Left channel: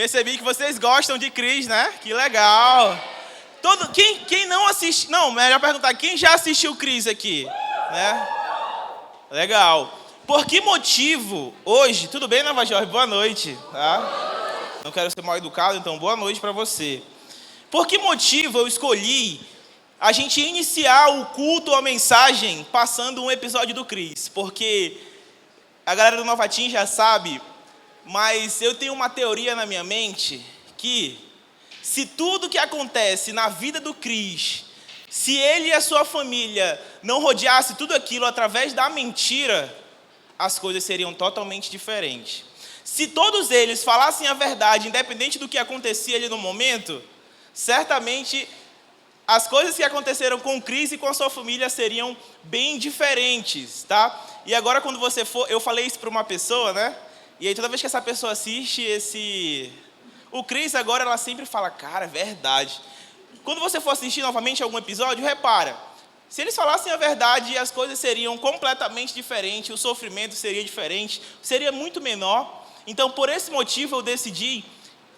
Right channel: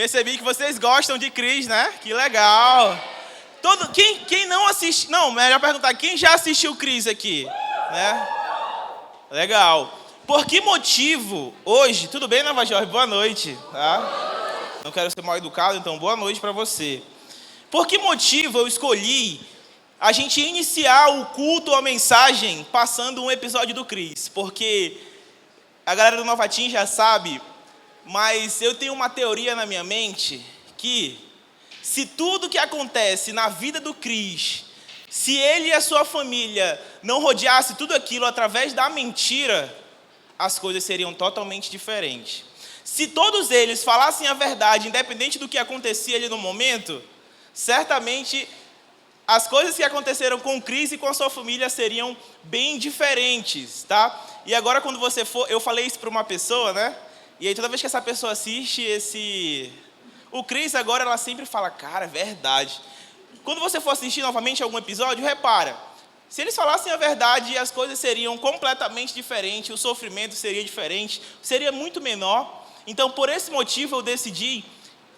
Percebi que vocês gostam de Cris, né? Que legal. Quem não assiste... Não, melhor perguntar, quem já assistiu Cris aqui? Né? Legal. Por que motivo hoje... Tudo bem, Nova Jorge? Boa noite. Tá? Não quero ser mal educado, então boa noite para você. Por que motivo eu escolhi a gente iniciar o culto ou a mensagem passando um episódio do Cris? Porque a galera do Nova Team já sabe... Mas eu tenho uma teoria na minha mente que se tudo que acontece na vida do Cris, se ele e a sua família não rodeassem tudo aquilo através da mentira, as coisas seriam totalmente diferentes. Se todos eles falassem a verdade, independente do que acontecia ali no momento, certamente as coisas que aconteceram com o Cris e com a sua família seriam bem diferentes, tá? E agora quando você for, eu falei isso para uma pessoa, né? E aí, toda vez que essa pessoa assiste o Cris, agora ela sempre fala, cara, é verdade. Quando você for assistir novamente algum episódio, repara. Se eles falassem a verdade, as coisas seriam completamente diferentes, o sofrimento seria diferente, seria muito menor. Então, por esse motivo, eu decidi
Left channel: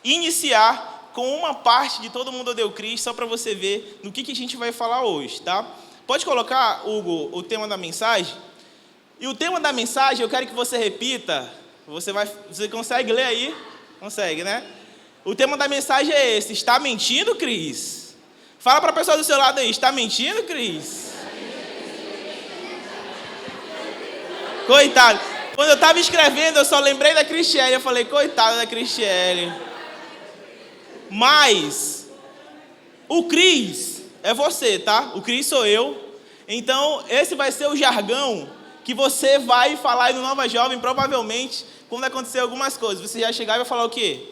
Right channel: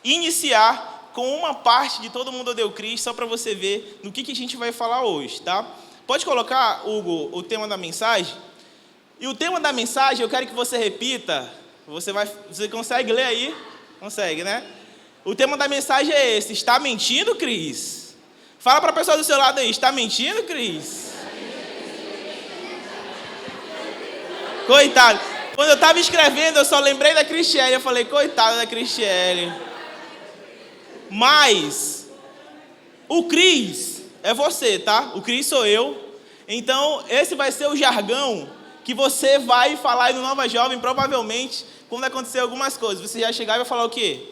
iniciar com uma parte de Todo Mundo Odeia o Cris, só para você ver no que a gente vai falar hoje, tá? Pode colocar, Hugo, o tema da mensagem? E o tema da mensagem, eu quero que você repita... Você consegue ler aí? Consegue, né? O tema da mensagem é esse. Está mentindo, Cris? Fala para a pessoa do seu lado aí. Está mentindo, Cris? Coitado. Quando eu estava escrevendo, eu só lembrei da Cristiele. Eu falei, coitada da Cristiele. Mas, o Cris é você, tá? O Cris sou eu. Então, esse vai ser o jargão que você vai falar aí no Nova Jovem, provavelmente, quando acontecer algumas coisas. Você já chegar e vai falar o quê?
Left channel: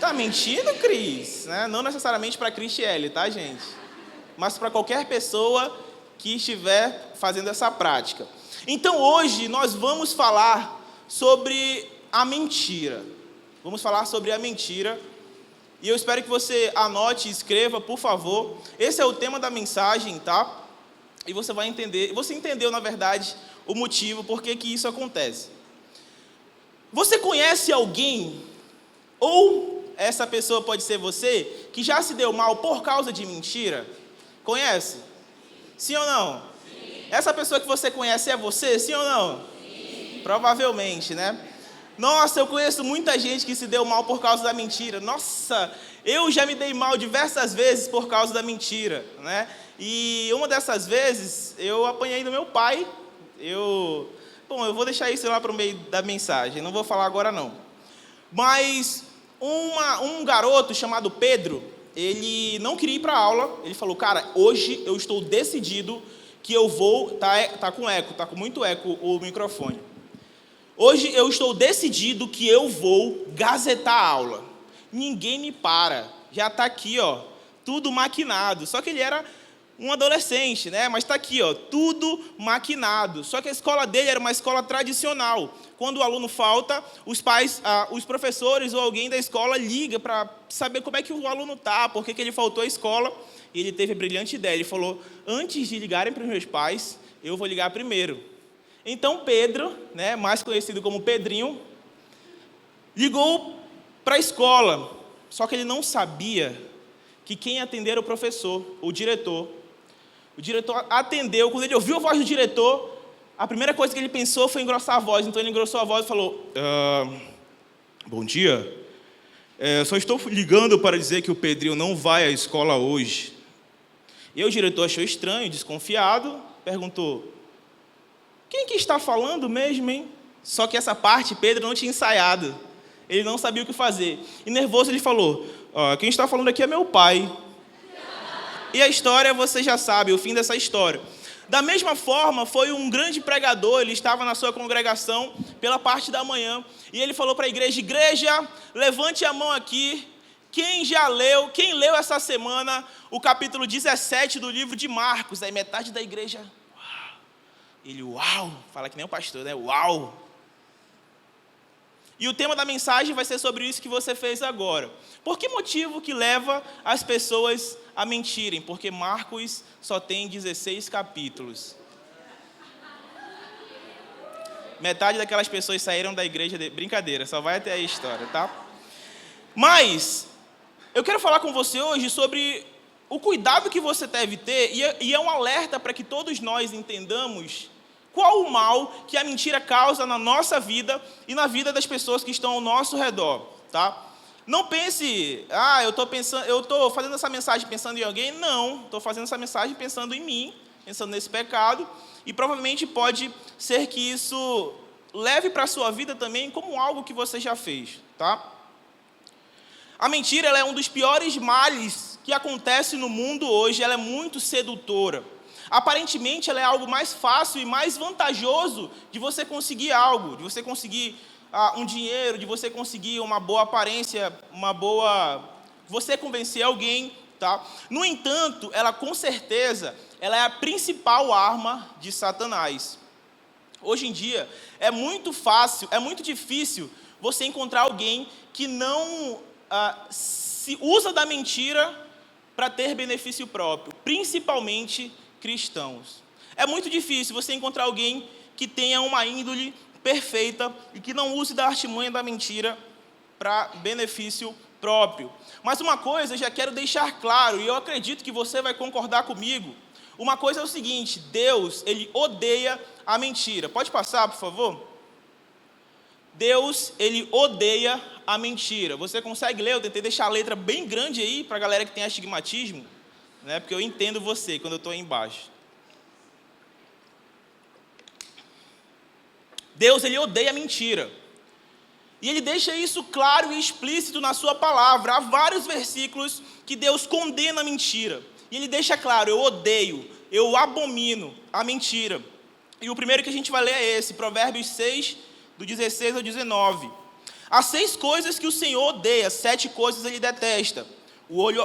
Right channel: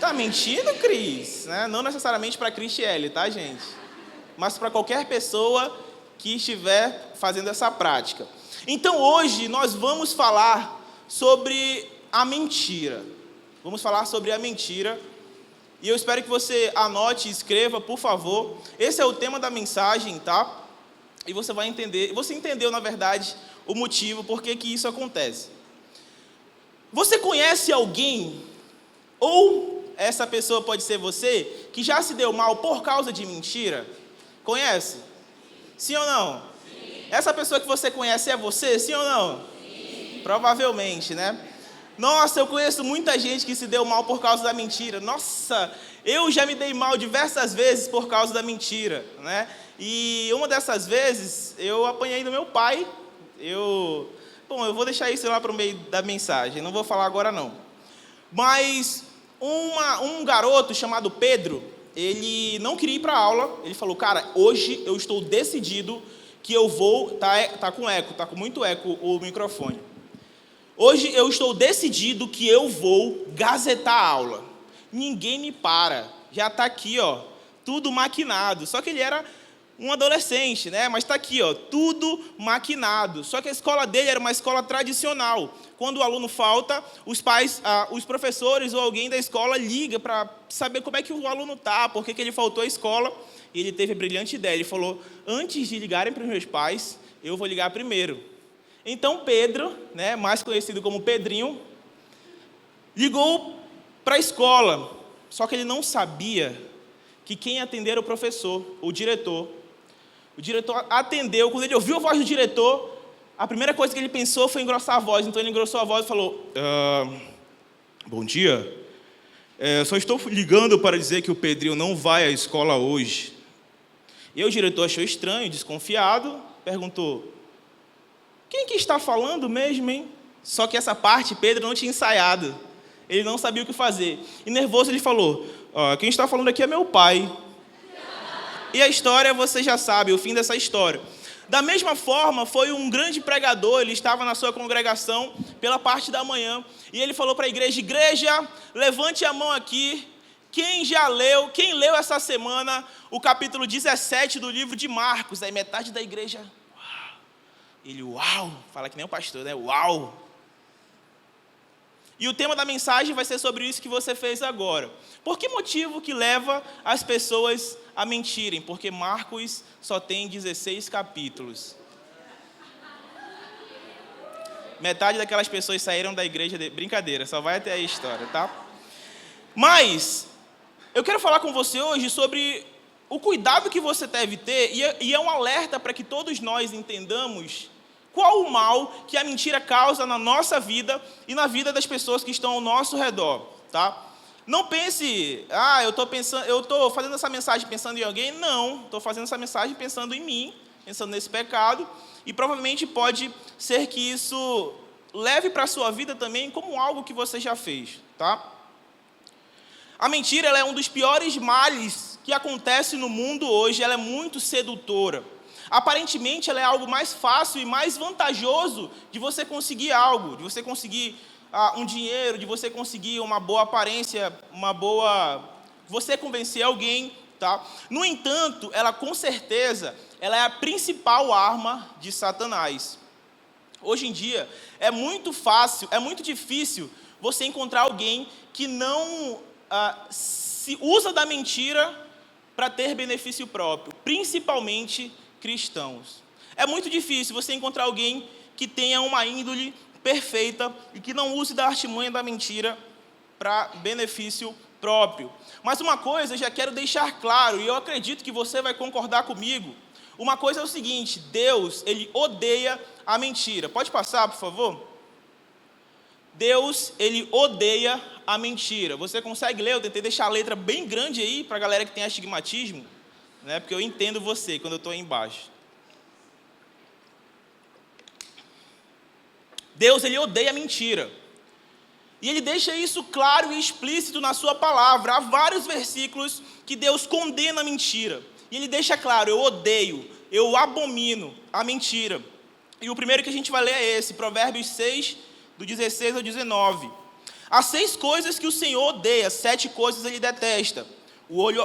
Tá mentindo, Cris? Né? Não necessariamente para a Cristiele, tá, gente? Mas para qualquer pessoa que estiver fazendo essa prática. Então, hoje, nós vamos falar sobre a mentira. Vamos falar sobre a mentira. E eu espero que você anote e escreva, por favor. Esse é o tema da mensagem, tá? E você vai entender, você entendeu, na verdade, o motivo por que isso acontece. Você conhece alguém, ou essa pessoa pode ser você, que já se deu mal por causa de mentira? Conhece? Sim ou não? Sim. Essa pessoa que você conhece é você, sim ou não? Sim. Provavelmente, né? Nossa, eu conheço muita gente que se deu mal por causa da mentira. Nossa, eu já me dei mal diversas vezes por causa da mentira, né? E uma dessas vezes, eu apanhei do meu pai. Eu vou deixar isso lá para o meio da mensagem, não vou falar agora não. Mas um garoto chamado Pedro, ele não queria ir para a aula. Ele falou, cara, hoje eu estou decidido que eu vou... Tá com eco, tá com muito eco o microfone. Hoje eu estou decidido que eu vou gazetar a aula. Ninguém me para. Já está aqui, ó, tudo maquinado. Só que ele era um adolescente, né? Mas está aqui, ó, tudo maquinado. Só que a escola dele era uma escola tradicional. Quando o aluno falta, os pais, os professores ou alguém da escola liga para saber como é que o aluno está, por que ele faltou à escola. E ele teve a brilhante ideia. Ele falou, antes de ligarem para os meus pais, eu vou ligar primeiro. Então Pedro, né, mais conhecido como Pedrinho, ligou para a escola. Só que ele não sabia que quem ia atender era o professor, o diretor. O diretor atendeu. Quando ele ouviu a voz do diretor, a primeira coisa que ele pensou foi engrossar a voz. Então ele engrossou a voz e falou, bom dia, só estou ligando para dizer que o Pedrinho não vai à escola hoje. E o diretor achou estranho, desconfiado, perguntou, quem que está falando mesmo, hein? Só que essa parte Pedro não tinha ensaiado. Ele não sabia o que fazer. E nervoso ele falou, quem está falando aqui é meu pai. E a história você já sabe, o fim dessa história. Da mesma forma, foi um grande pregador, ele estava na sua congregação pela parte da manhã, e ele falou para a igreja, levante a mão aqui, quem leu essa semana o capítulo 17 do livro de Marcos? Aí metade da igreja, uau. Ele, uau, fala que nem o pastor, né? Uau. E o tema da mensagem vai ser sobre isso que você fez agora. Por que motivo que leva as pessoas a mentirem? Porque Marcos só tem 16 capítulos. Metade daquelas pessoas saíram da igreja... Brincadeira, só vai até a história, tá? Mas eu quero falar com você hoje sobre o cuidado que você deve ter, e é um alerta para que todos nós entendamos qual o mal que a mentira causa na nossa vida e na vida das pessoas que estão ao nosso redor, tá? Não pense, eu estou fazendo essa mensagem pensando em alguém. Não, estou fazendo essa mensagem pensando em mim, pensando nesse pecado, e provavelmente pode ser que isso leve para a sua vida também como algo que você já fez, tá? A mentira, ela é um dos piores males que acontece no mundo hoje. Ela é muito sedutora. Aparentemente, ela é algo mais fácil e mais vantajoso de você conseguir algo, de você conseguir um dinheiro, de você conseguir uma boa aparência, você convencer alguém, tá? No entanto, ela com certeza, ela é a principal arma de Satanás. Hoje em dia, é muito fácil, é muito difícil você encontrar alguém que não se usa da mentira para ter benefício próprio, principalmente cristãos. É muito difícil você encontrar alguém que tenha uma índole perfeita e que não use da artimanha da mentira para benefício próprio. Mas uma coisa eu já quero deixar claro, e eu acredito que você vai concordar comigo. Uma coisa é o seguinte: Deus, ele odeia a mentira. Pode passar, por favor? Deus, ele odeia a mentira. Você consegue ler? Eu tentei deixar a letra bem grande aí para a galera que tem astigmatismo, né? Porque eu entendo você quando eu estou aí embaixo. Deus, ele odeia a mentira. E ele deixa isso claro e explícito na sua palavra. Há vários versículos que Deus condena a mentira. E ele deixa claro: eu odeio, eu abomino a mentira. E o primeiro que a gente vai ler é esse, Provérbios 6, do 16 ao 19. Há 6 coisas que o Senhor odeia, 7 coisas ele detesta:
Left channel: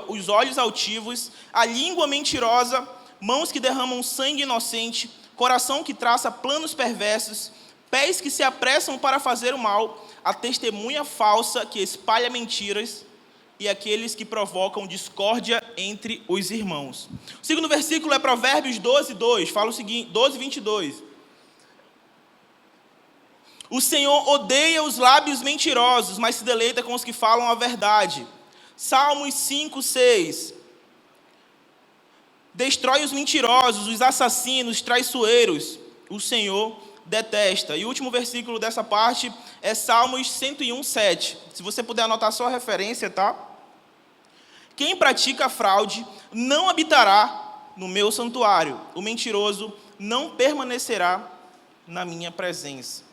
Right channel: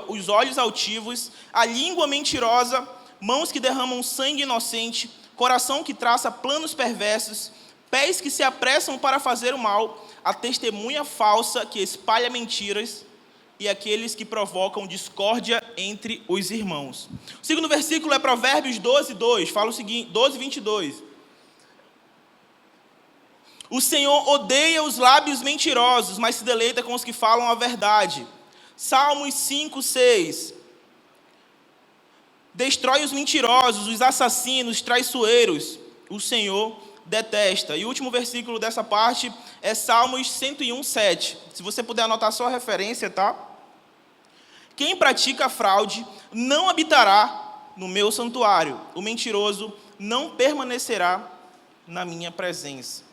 os olhos altivos, a língua mentirosa, mãos que derramam sangue inocente, coração que traça planos perversos, pés que se apressam para fazer o mal, a testemunha falsa que espalha mentiras e aqueles que provocam discórdia entre os irmãos. O segundo versículo é Provérbios 12, 2, fala o seguinte, 12, 22. O Senhor odeia os lábios mentirosos, mas se deleita com os que falam a verdade. Salmos 5, 6. Destrói os mentirosos, os assassinos, traiçoeiros. O Senhor detesta. E o último versículo dessa parte é Salmos 101, 7. Se você puder anotar só a referência, tá? Quem pratica fraude não habitará no meu santuário. O mentiroso não permanecerá na minha presença.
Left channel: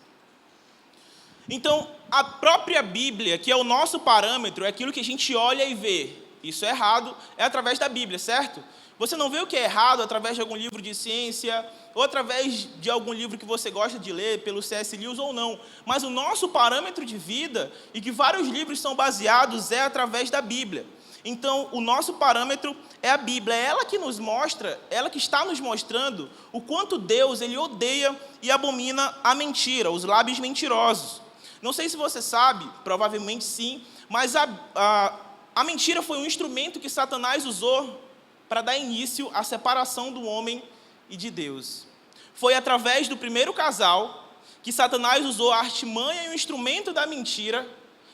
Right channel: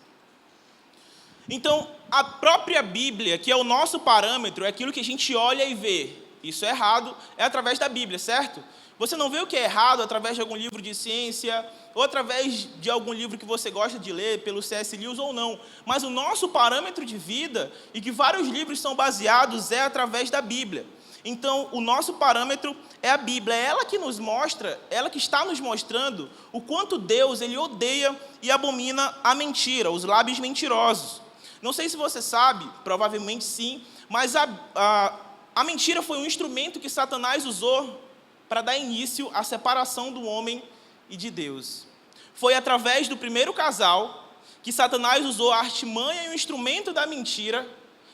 Então, a própria Bíblia, que é o nosso parâmetro, é aquilo que a gente olha e vê. Isso é errado, é através da Bíblia, certo? Você não vê o que é errado através de algum livro de ciência, ou através de algum livro que você gosta de ler, pelo C.S. Lewis ou não. Mas o nosso parâmetro de vida, e que vários livros são baseados, é através da Bíblia. Então, o nosso parâmetro é a Bíblia. É ela que nos mostra, ela que está nos mostrando o quanto Deus, ele odeia e abomina a mentira, os lábios mentirosos. Não sei se você sabe, provavelmente sim, mas a mentira foi um instrumento que Satanás usou para dar início à separação do homem e de Deus. Foi através do primeiro casal que Satanás usou a artimanha e o instrumento da mentira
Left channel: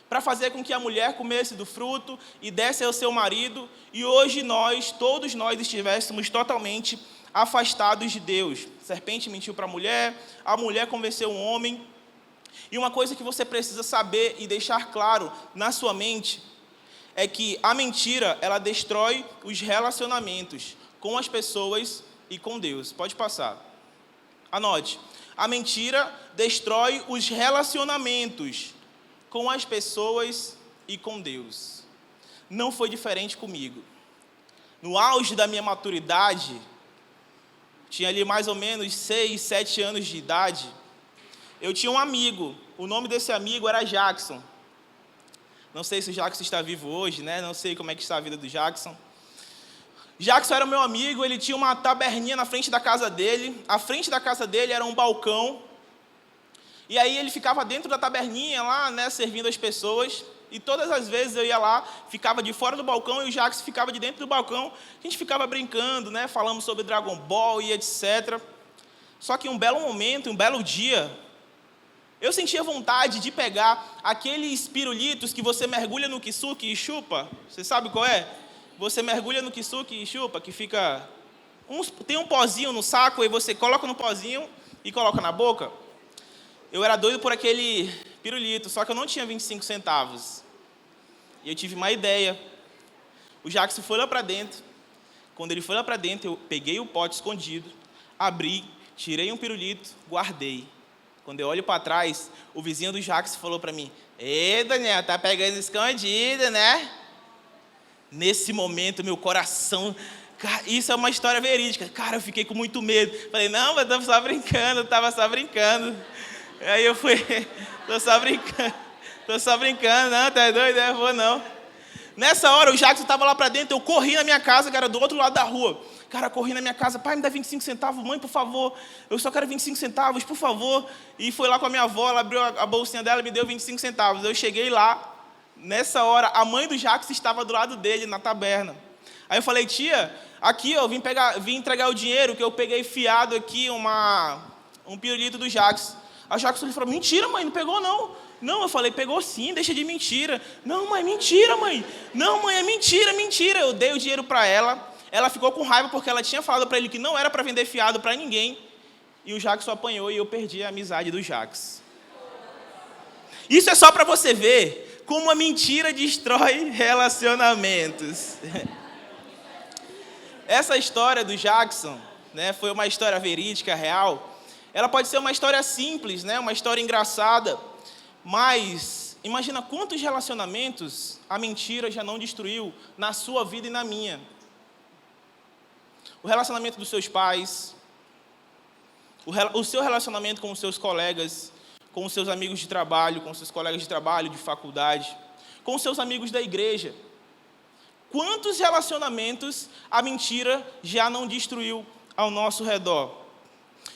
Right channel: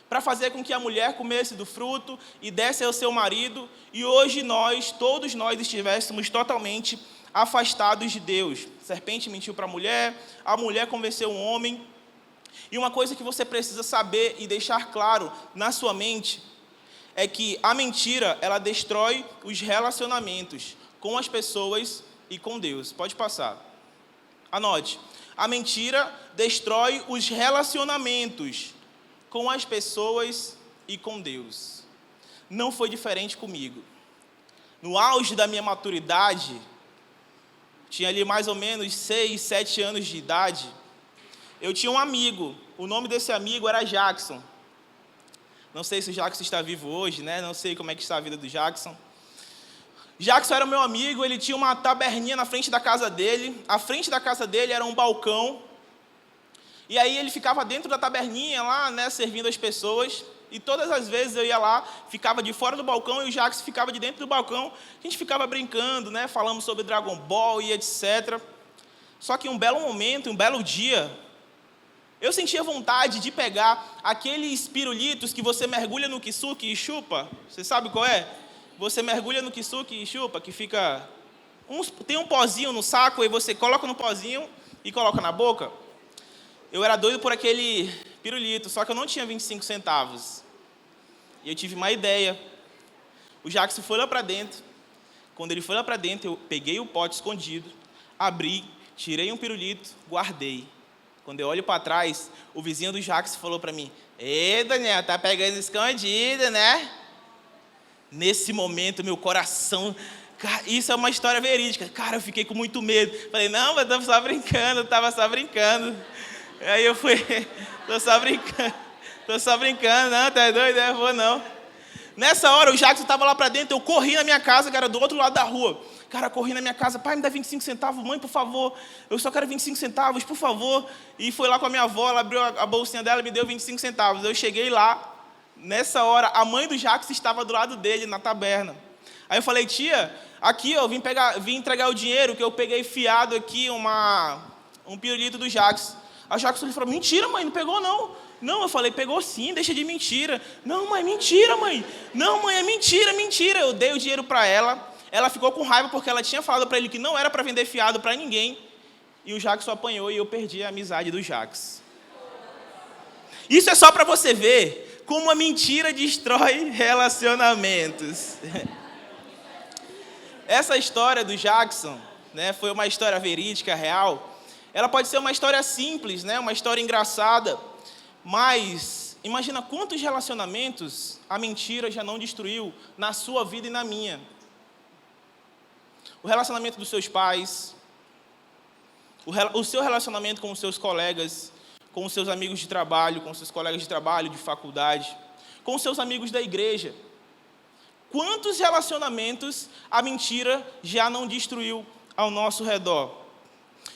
para fazer com que a mulher comesse do fruto e desse ao seu marido, e hoje todos nós estivéssemos totalmente afastados de Deus. A serpente mentiu para a mulher convenceu o homem. E uma coisa que você precisa saber e deixar claro na sua mente é que a mentira, ela destrói os relacionamentos com as pessoas e com Deus. Pode passar. Anote. A mentira destrói os relacionamentos com as pessoas e com Deus. Não foi diferente comigo. No auge da minha maturidade, tinha ali mais ou menos 6, 7 anos de idade, eu tinha um amigo. O nome desse amigo era Jackson. Não sei se o Jackson está vivo hoje, né? Não sei como é que está a vida do Jackson. Jackson era meu amigo, ele tinha uma taberninha na frente da casa dele. A frente da casa dele era um balcão. E aí ele ficava dentro da taberninha lá, né, servindo as pessoas. E todas as vezes eu ia lá, ficava de fora do balcão e o Jackson ficava de dentro do balcão. A gente ficava brincando, né, falando sobre Dragon Ball e etc. Só que um belo momento, um belo dia, Eu sentia vontade de pegar aqueles pirulitos que você mergulha no kisuke e chupa. Você sabe qual é? Você mergulha no kisuke e chupa, que fica... tem um pozinho no saco, e você coloca no pozinho e coloca na boca. Eu era doido por aquele pirulito, só que eu não tinha 25 centavos. E eu tive uma ideia. O Jackson foi lá para dentro. Quando ele foi lá para dentro, eu peguei o pote escondido, abri, tirei um pirulito, guardei. Quando eu olho para trás, o vizinho do Jackson falou para mim: "Ei, Daniel, tá pegando escondido, né?" Nesse momento, meu coração... Cara, isso é uma história verídica. Cara, eu fiquei com muito medo. Falei: "Não, mas eu estava só brincando. Aí eu fui: tô só brincando, não, tá doido? Eu vou não." Nessa hora, o Jackson estava lá para dentro, eu corri na minha casa, que era do outro lado da rua. Cara, corri na minha casa: "Pai, me dá 25 centavos, mãe, por favor. Eu só quero 25 centavos, por favor." E foi lá com a minha avó, ela abriu a bolsinha dela e me deu 25 centavos. Eu cheguei lá, nessa hora, a mãe do Jackson estava do lado dele, na taberna. Aí eu falei: "Tia, aqui, ó, vim entregar o dinheiro, que eu peguei fiado aqui, um pirulito do Jackson." A Jackson falou: "Mentira, mãe, não pegou não." "Não," eu falei, "pegou sim, deixa de mentira." "Não, mãe, mentira, mãe. Não, mãe, é mentira, mentira." Eu dei o dinheiro para ela. Ela ficou com raiva porque ela tinha falado para ele que não era para vender fiado para ninguém. E o Jackson apanhou e eu perdi a amizade do Jackson. Isso é só para você ver como a mentira destrói relacionamentos. Essa história do Jackson, né, foi uma história verídica, real. Ela pode ser uma história simples, né, uma história engraçada. Mas imagina quantos relacionamentos a mentira já não destruiu na sua vida e na minha. O relacionamento dos seus pais, o seu relacionamento com os seus colegas, com os seus amigos de trabalho, com os seus colegas de trabalho, de faculdade, com os seus amigos da igreja. Quantos relacionamentos a mentira já não destruiu ao nosso redor?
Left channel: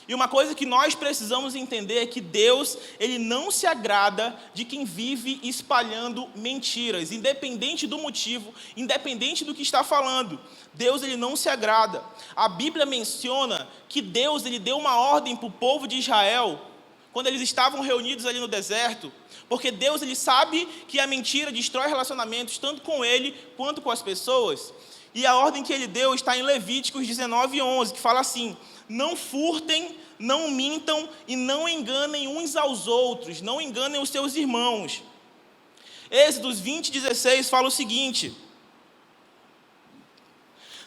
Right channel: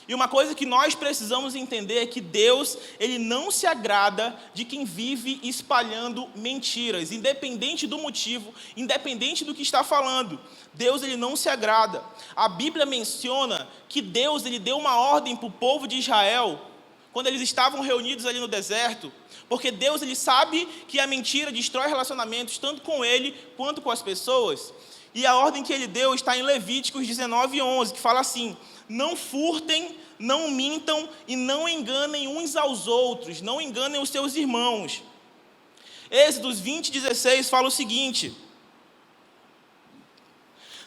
E uma coisa que nós precisamos entender é que Deus, Ele não se agrada de quem vive espalhando mentiras, independente do motivo, independente do que está falando. Deus, Ele não se agrada. A Bíblia menciona que Deus, Ele deu uma ordem para o povo de Israel, quando eles estavam reunidos ali no deserto, porque Deus, Ele sabe que a mentira destrói relacionamentos, tanto com Ele quanto com as pessoas. E a ordem que Ele deu está em Levíticos 19:11, que fala assim: "Não furtem, não mintam e não enganem uns aos outros, não enganem os seus irmãos." Êxodos 20:16 fala o seguinte:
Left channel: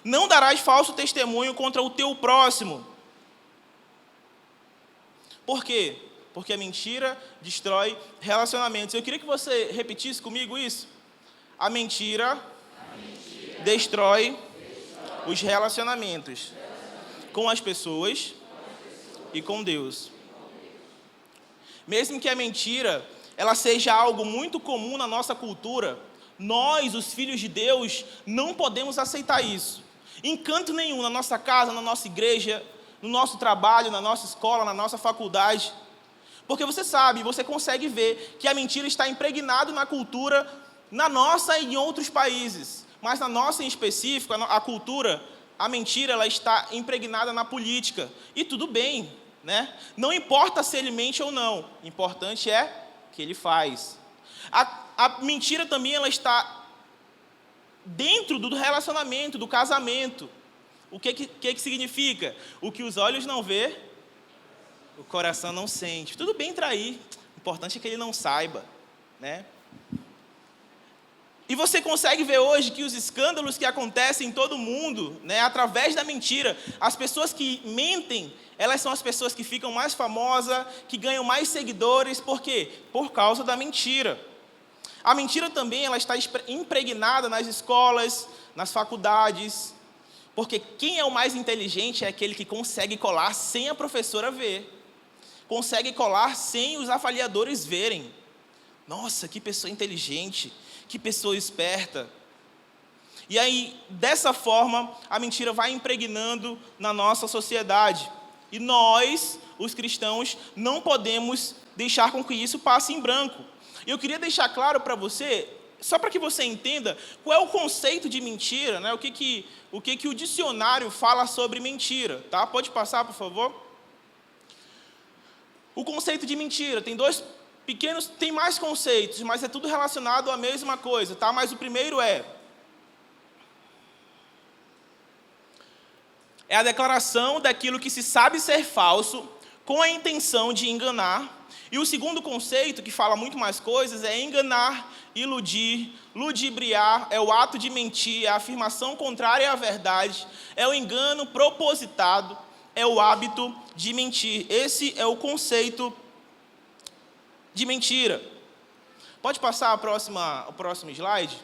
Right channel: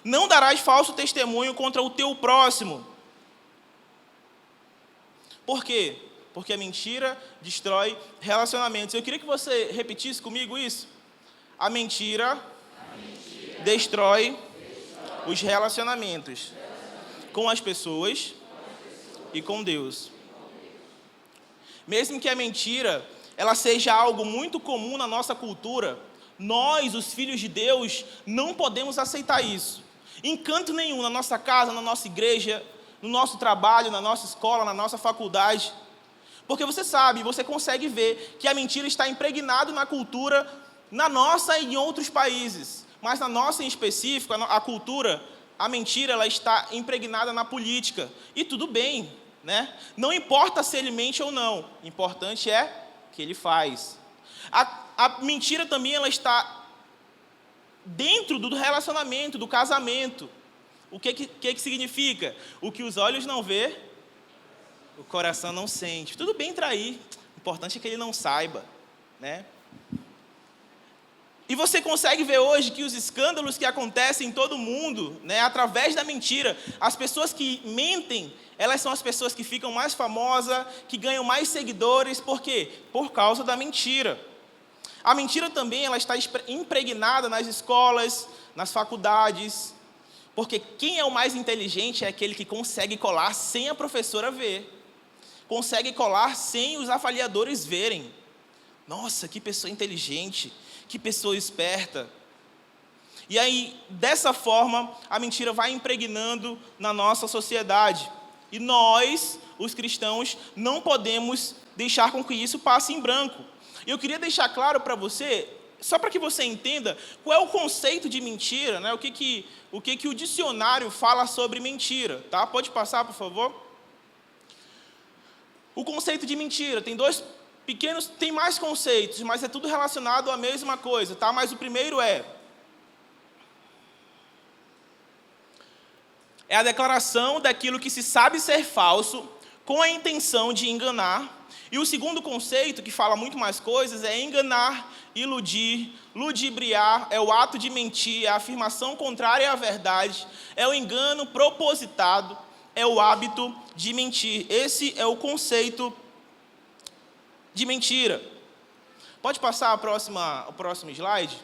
"Não darás falso testemunho contra o teu próximo." Por quê? Porque a mentira destrói relacionamentos. Eu queria que você repetisse comigo isso. A mentira destrói os relacionamentos com as pessoas e com Deus. Mesmo que a mentira ela seja algo muito comum na nossa cultura, nós, os filhos de Deus, não podemos aceitar isso. Em canto nenhum, na nossa casa, na nossa igreja, no nosso trabalho, na nossa escola, na nossa faculdade. Porque você sabe, você consegue ver que a mentira está impregnada na cultura, na nossa e em outros países. Mas na nossa em específico, a cultura, a mentira ela está impregnada na política. E tudo bem, né? Não importa se ele mente ou não, o importante é que ele faz. A mentira também ela está dentro do relacionamento, do casamento. O que significa? O que os olhos não vê, o coração não sente. Tudo bem trair, o importante é que ele não saiba, né? E você consegue ver hoje que os escândalos que acontecem em todo mundo, né, através da mentira, as pessoas que mentem, elas são as pessoas que ficam mais famosas, que ganham mais seguidores. Por quê? Por causa da mentira. A mentira também ela está impregnada nas escolas, nas faculdades, porque quem é o mais inteligente é aquele que consegue colar sem a professora ver. Consegue colar sem os avaliadores verem. Nossa, que pessoa inteligente, que pessoa esperta. E aí, dessa forma, a mentira vai impregnando na nossa sociedade. E nós, os cristãos, não podemos deixar com que isso passe em branco. Eu queria deixar claro para você, só para que você entenda, qual é o conceito de mentira, né? O que o dicionário fala sobre mentira, tá? Pode passar, por favor? O conceito de mentira tem dois pequenos, tem mais conceitos, mas é tudo relacionado à mesma coisa, tá? Mas o primeiro é a declaração daquilo que se sabe ser falso com a intenção de enganar. E o segundo conceito, que fala muito mais coisas, é enganar, iludir, ludibriar, é o ato de mentir, é a afirmação contrária à verdade, é o engano propositado, é o hábito de mentir. Esse é o conceito de mentira. Pode passar o próximo slide?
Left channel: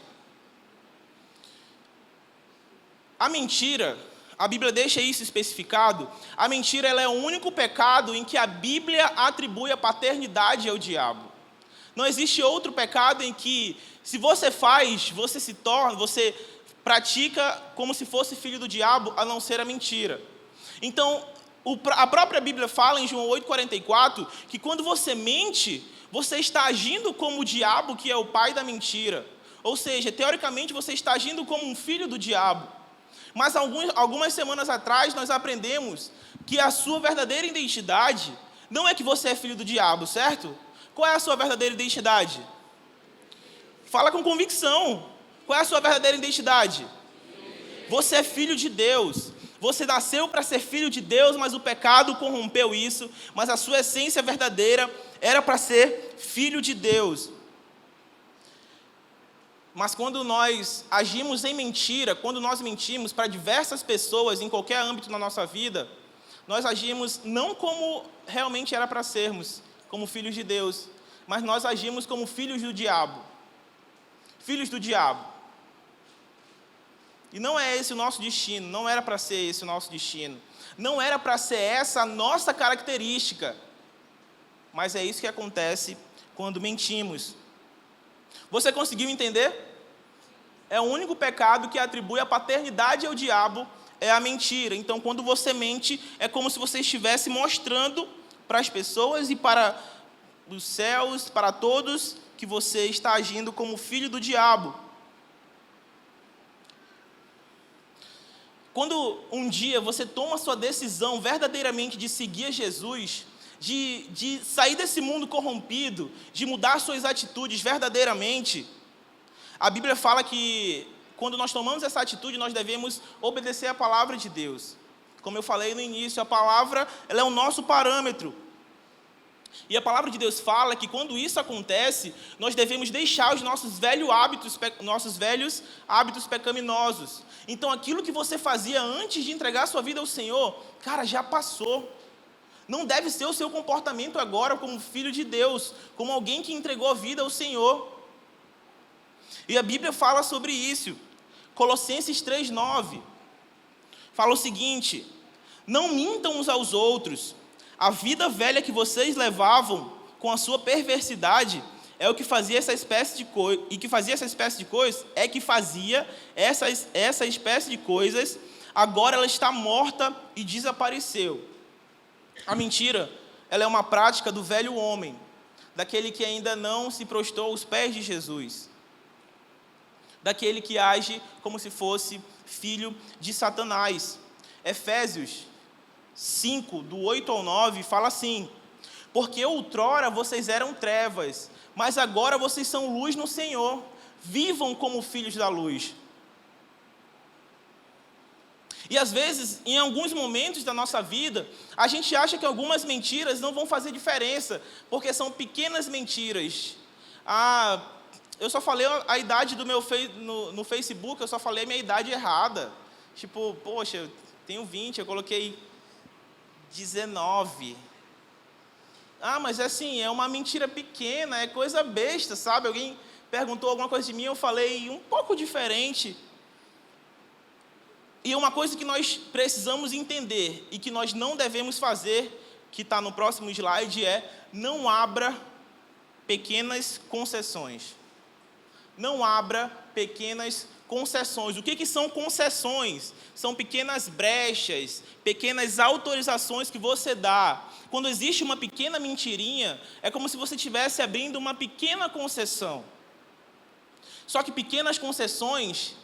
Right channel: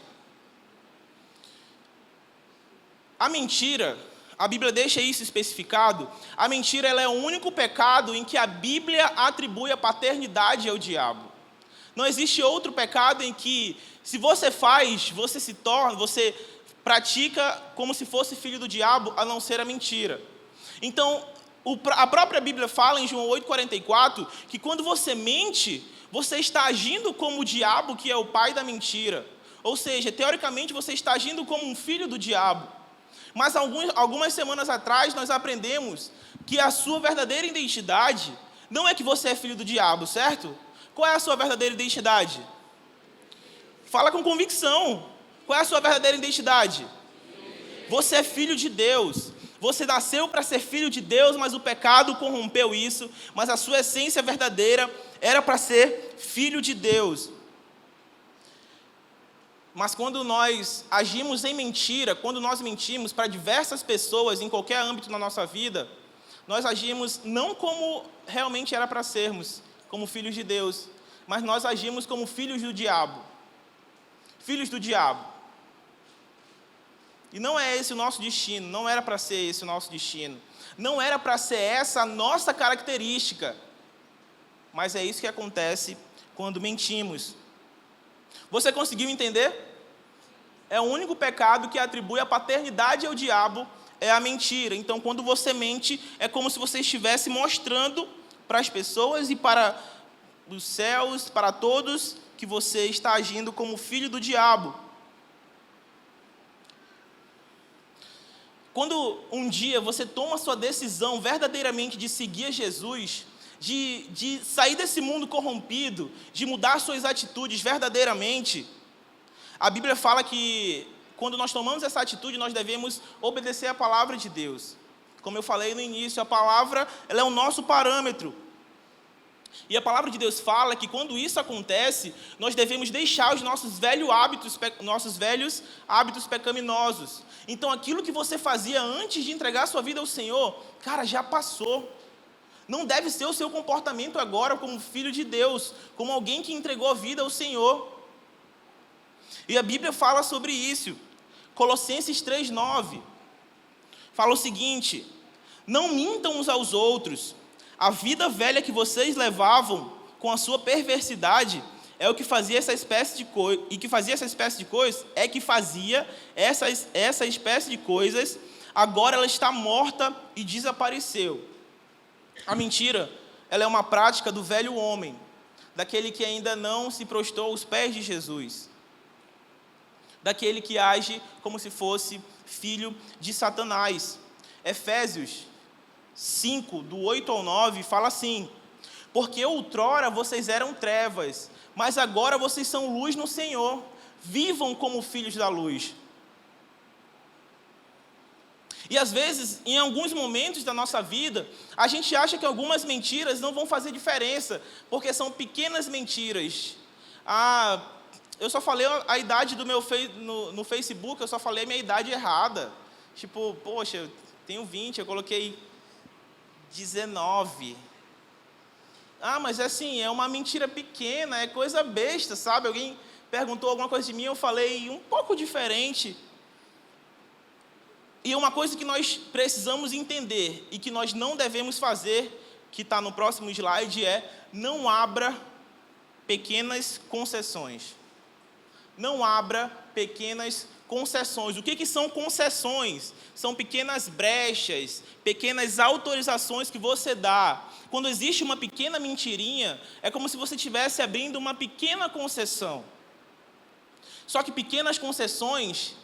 A mentira, a Bíblia deixa isso especificado, a mentira ela é o único pecado em que a Bíblia atribui a paternidade ao diabo. Não existe outro pecado em que, se você faz, você pratica como se fosse filho do diabo, a não ser a mentira. Então, a própria Bíblia fala em João 8,44, que quando você mente, você está agindo como o diabo, que é o pai da mentira. Ou seja, teoricamente, você está agindo como um filho do diabo. Mas algumas semanas atrás, nós aprendemos que a sua verdadeira identidade não é que você é filho do diabo, certo? Qual é a sua verdadeira identidade? Fala com convicção. Qual é a sua verdadeira identidade? Você é filho de Deus. Você nasceu para ser filho de Deus, mas o pecado corrompeu isso. Mas a sua essência verdadeira era para ser filho de Deus. Mas quando nós agimos em mentira, quando nós mentimos para diversas pessoas, em qualquer âmbito na nossa vida, nós agimos não como realmente era para sermos, como filhos de Deus, mas nós agimos como filhos do diabo. Filhos do diabo. E não é esse o nosso destino, não era para ser esse o nosso destino. Não era para ser essa a nossa característica. Mas é isso que acontece quando mentimos. Você conseguiu entender? É o único pecado que atribui a paternidade ao diabo, é a mentira. Então, quando você mente, é como se você estivesse mostrando para as pessoas e para os céus, para todos, que você está agindo como filho do diabo. Quando um dia você toma a sua decisão verdadeiramente de seguir Jesus, de sair desse mundo corrompido, de mudar suas atitudes verdadeiramente, a Bíblia fala que quando nós tomamos essa atitude, nós devemos obedecer à palavra de Deus. Como eu falei no início, a palavra ela é o nosso parâmetro. E a palavra de Deus fala que quando isso acontece, nós devemos deixar os nossos velhos hábitos pecaminosos. Então, aquilo que você fazia antes de entregar sua vida ao Senhor, cara, já passou. Não deve ser o seu comportamento agora como filho de Deus, como alguém que entregou a vida ao Senhor. E a Bíblia fala sobre isso. Colossenses 3,9 fala o seguinte: não mintam uns aos outros. A vida velha que vocês levavam com a sua perversidade é o que fazia essa espécie de coisa, e que fazia essa espécie de coisas, é que fazia essa espécie de coisas, agora ela está morta e desapareceu. A mentira, ela é uma prática do velho homem, daquele que ainda não se prostrou aos pés de Jesus, daquele que age como se fosse filho de Satanás. Efésios 5, do 8 ao 9, fala assim: porque outrora vocês eram trevas, mas agora vocês são luz no Senhor, vivam como filhos da luz. E às vezes, em alguns momentos da nossa vida, a gente acha que algumas mentiras não vão fazer diferença, porque são pequenas mentiras. Eu só falei a idade do meu no Facebook, eu só falei a minha idade errada. Tipo, poxa, eu tenho 20, eu coloquei 19. Mas assim, é uma mentira pequena, é coisa besta, sabe? Alguém perguntou alguma coisa de mim, eu falei um pouco diferente. E uma coisa que nós precisamos entender e que nós não devemos fazer, que está no próximo slide, é não abra pequenas concessões. Não abra pequenas concessões. O que são concessões? São pequenas brechas, pequenas autorizações que você dá. Quando existe uma pequena mentirinha, é como se você estivesse abrindo uma pequena concessão. Só que pequenas concessões,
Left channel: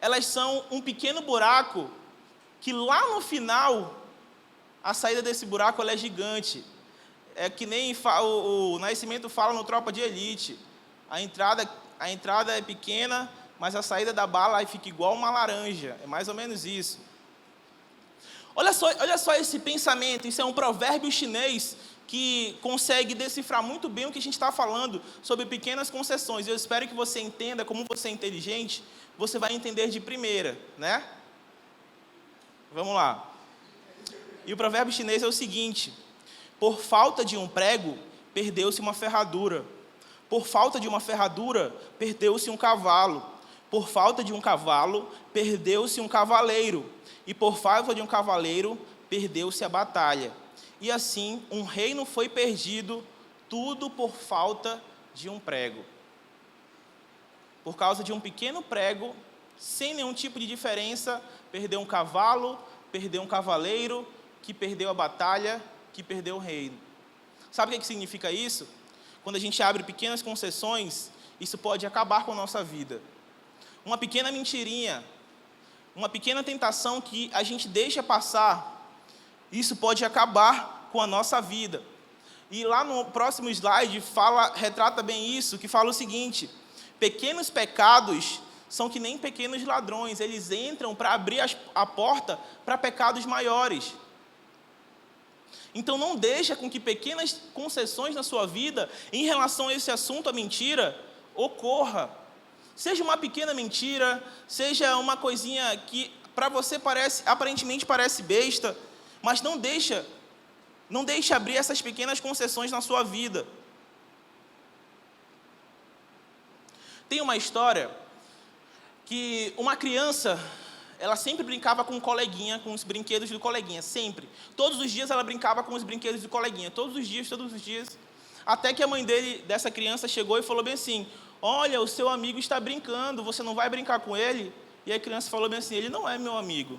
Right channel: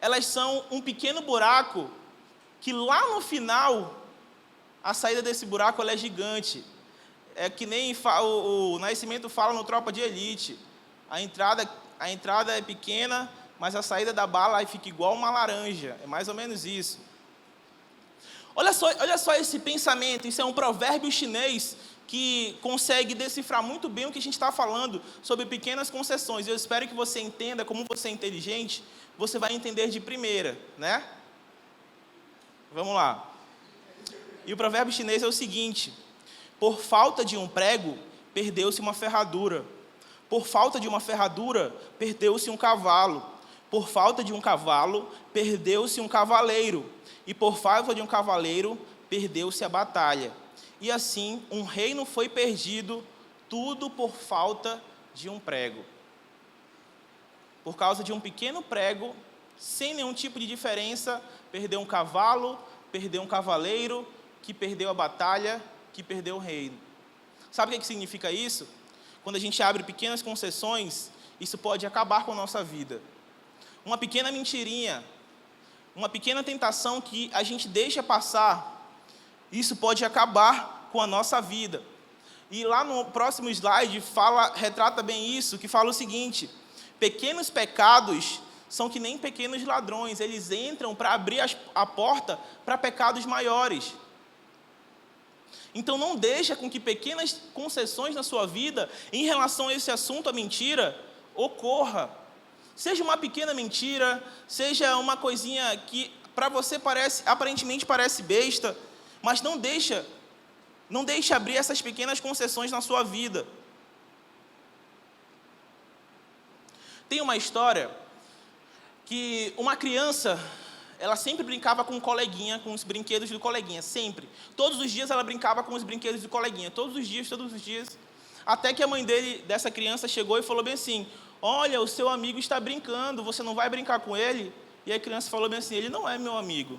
elas são um pequeno buraco que lá no final, a saída desse buraco ela é gigante. é que nem o Nascimento fala no Tropa de Elite. A entrada é pequena, mas a saída da bala aí fica igual uma laranja. É mais ou menos isso. Olha só esse pensamento. Isso é um provérbio chinês que consegue decifrar muito bem o que a gente está falando sobre pequenas concessões. Eu espero que você entenda, como você é inteligente, você vai entender de primeira, né? Vamos lá. E o provérbio chinês é o seguinte: por falta de um prego, perdeu-se uma ferradura. Por falta de uma ferradura, perdeu-se um cavalo. Por falta de um cavalo, perdeu-se um cavaleiro. E por falta de um cavaleiro, perdeu-se a batalha. E assim, um reino foi perdido, tudo por falta de um prego. Por causa de um pequeno prego, sem nenhum tipo de diferença, perdeu um cavalo, perdeu um cavaleiro, que perdeu a batalha, que perdeu o reino. Sabe o que significa isso? Quando a gente abre pequenas concessões, isso pode acabar com a nossa vida. Uma pequena mentirinha, uma pequena tentação que a gente deixa passar, isso pode acabar com a nossa vida. E lá no próximo slide retrata bem isso, que fala o seguinte: pequenos pecados são que nem pequenos ladrões, eles entram para abrir a porta para pecados maiores. Então não deixa com que pequenas concessões na sua vida, em relação a esse assunto, a mentira, ocorra. Seja uma pequena mentira, seja uma coisinha que para você aparentemente parece besta, mas não deixa abrir essas pequenas concessões na sua vida. Tem uma história que uma criança, ela sempre brincava com um coleguinha, com os brinquedos do coleguinha, sempre. Todos os dias ela brincava com os brinquedos do coleguinha, todos os dias. Até que a mãe dessa criança chegou e falou bem assim: olha, o seu amigo está brincando, você não vai brincar com ele? E a criança falou bem assim: ele não é meu amigo.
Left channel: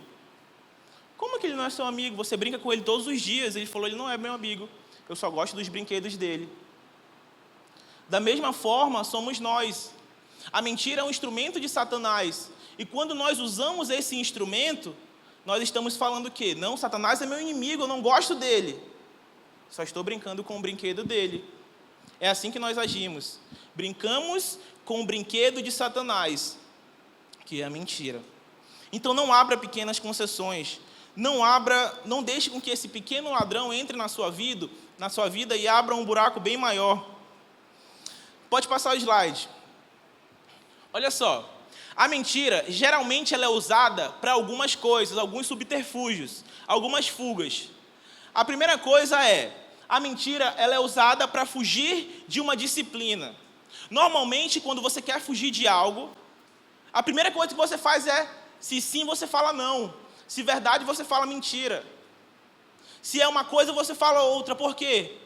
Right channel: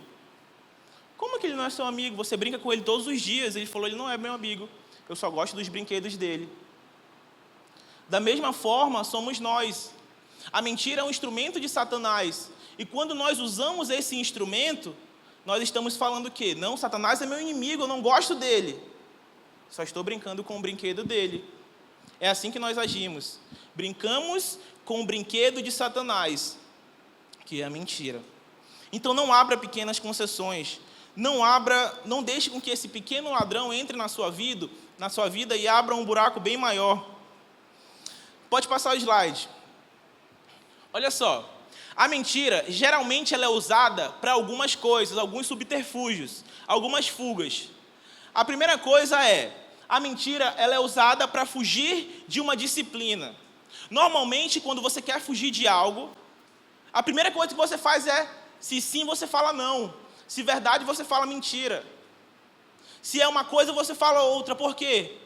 Como que ele não é seu amigo? Você brinca com ele todos os dias. Ele falou: ele não é meu amigo, eu só gosto dos brinquedos dele. Da mesma forma, somos nós. A mentira é um instrumento de Satanás. E quando nós usamos esse instrumento, nós estamos falando o quê? Não, Satanás é meu inimigo, eu não gosto dele. Só estou brincando com o brinquedo dele. É assim que nós agimos. Brincamos com o brinquedo de Satanás, que é a mentira. Então não abra pequenas concessões. Não deixe com que esse pequeno ladrão entre na sua vida e abra um buraco bem maior. Pode passar o slide. Olha só. A mentira, geralmente, ela é usada para algumas coisas, alguns subterfúgios, algumas fugas. A primeira coisa é: a mentira, ela é usada para fugir de uma disciplina. Normalmente, quando você quer fugir de algo, a primeira coisa que você faz é: se sim, você fala não. Se verdade, você fala mentira. Se é uma coisa, você fala outra. Por quê?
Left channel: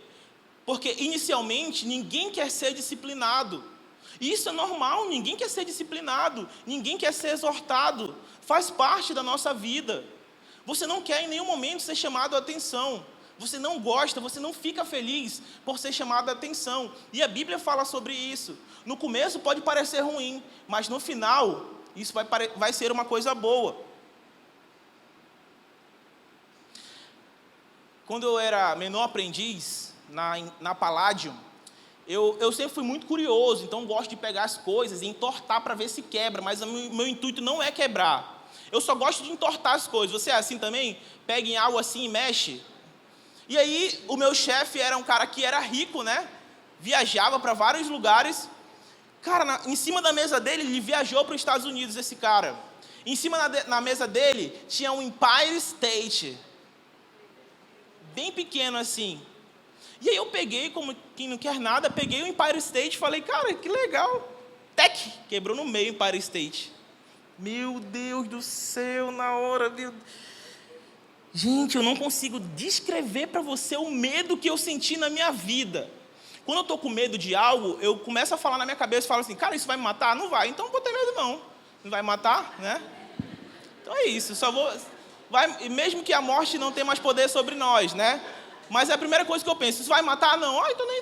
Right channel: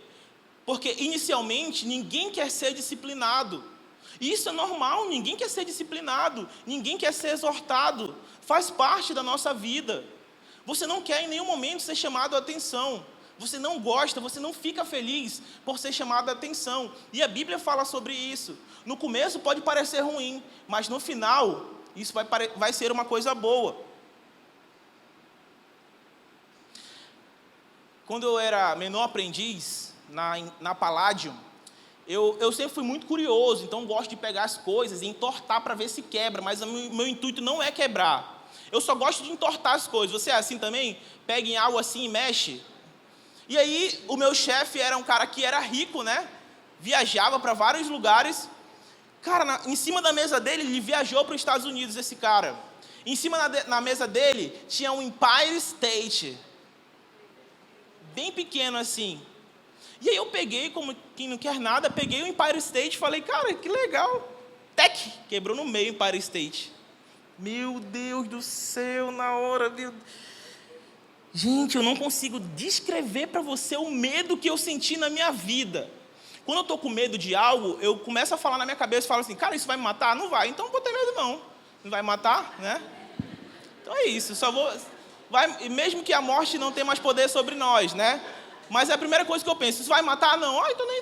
Porque, inicialmente, ninguém quer ser disciplinado. E isso é normal, ninguém quer ser disciplinado, ninguém quer ser exortado. Faz parte da nossa vida. Você não quer em nenhum momento ser chamado a atenção. Você não gosta, você não fica feliz por ser chamado a atenção. E a Bíblia fala sobre isso. No começo pode parecer ruim, mas no final, isso vai ser uma coisa boa. Quando eu era menor aprendiz, na Palladium, eu sempre fui muito curioso, então gosto de pegar as coisas e entortar para ver se quebra, mas o meu intuito não é quebrar. Eu só gosto de entortar as coisas. Você é assim também? Pega em algo assim e mexe. E aí, o meu chefe era um cara que era rico, né? Viajava para vários lugares. Cara, em cima da mesa dele, ele viajou para os Estados Unidos, esse cara. Em cima na mesa dele, tinha um Empire State. Bem pequeno assim. E aí eu peguei, como quem não quer nada, peguei o Empire State e falei: cara, que legal. Tec! Quebrou no meio o Empire State. Meu Deus do céu, na hora, meu... Gente, eu não consigo descrever para você o medo que eu senti na minha vida. Quando eu estou com medo de algo, eu começo a falar na minha cabeça e falo assim: cara, isso vai me matar? Não vai, então não vou ter medo não. Não vai matar, né? Então é isso, mesmo que a morte não tenha mais poder sobre nós, né? Mas é a primeira coisa que eu penso: isso vai matar? Não. Ai, tô nem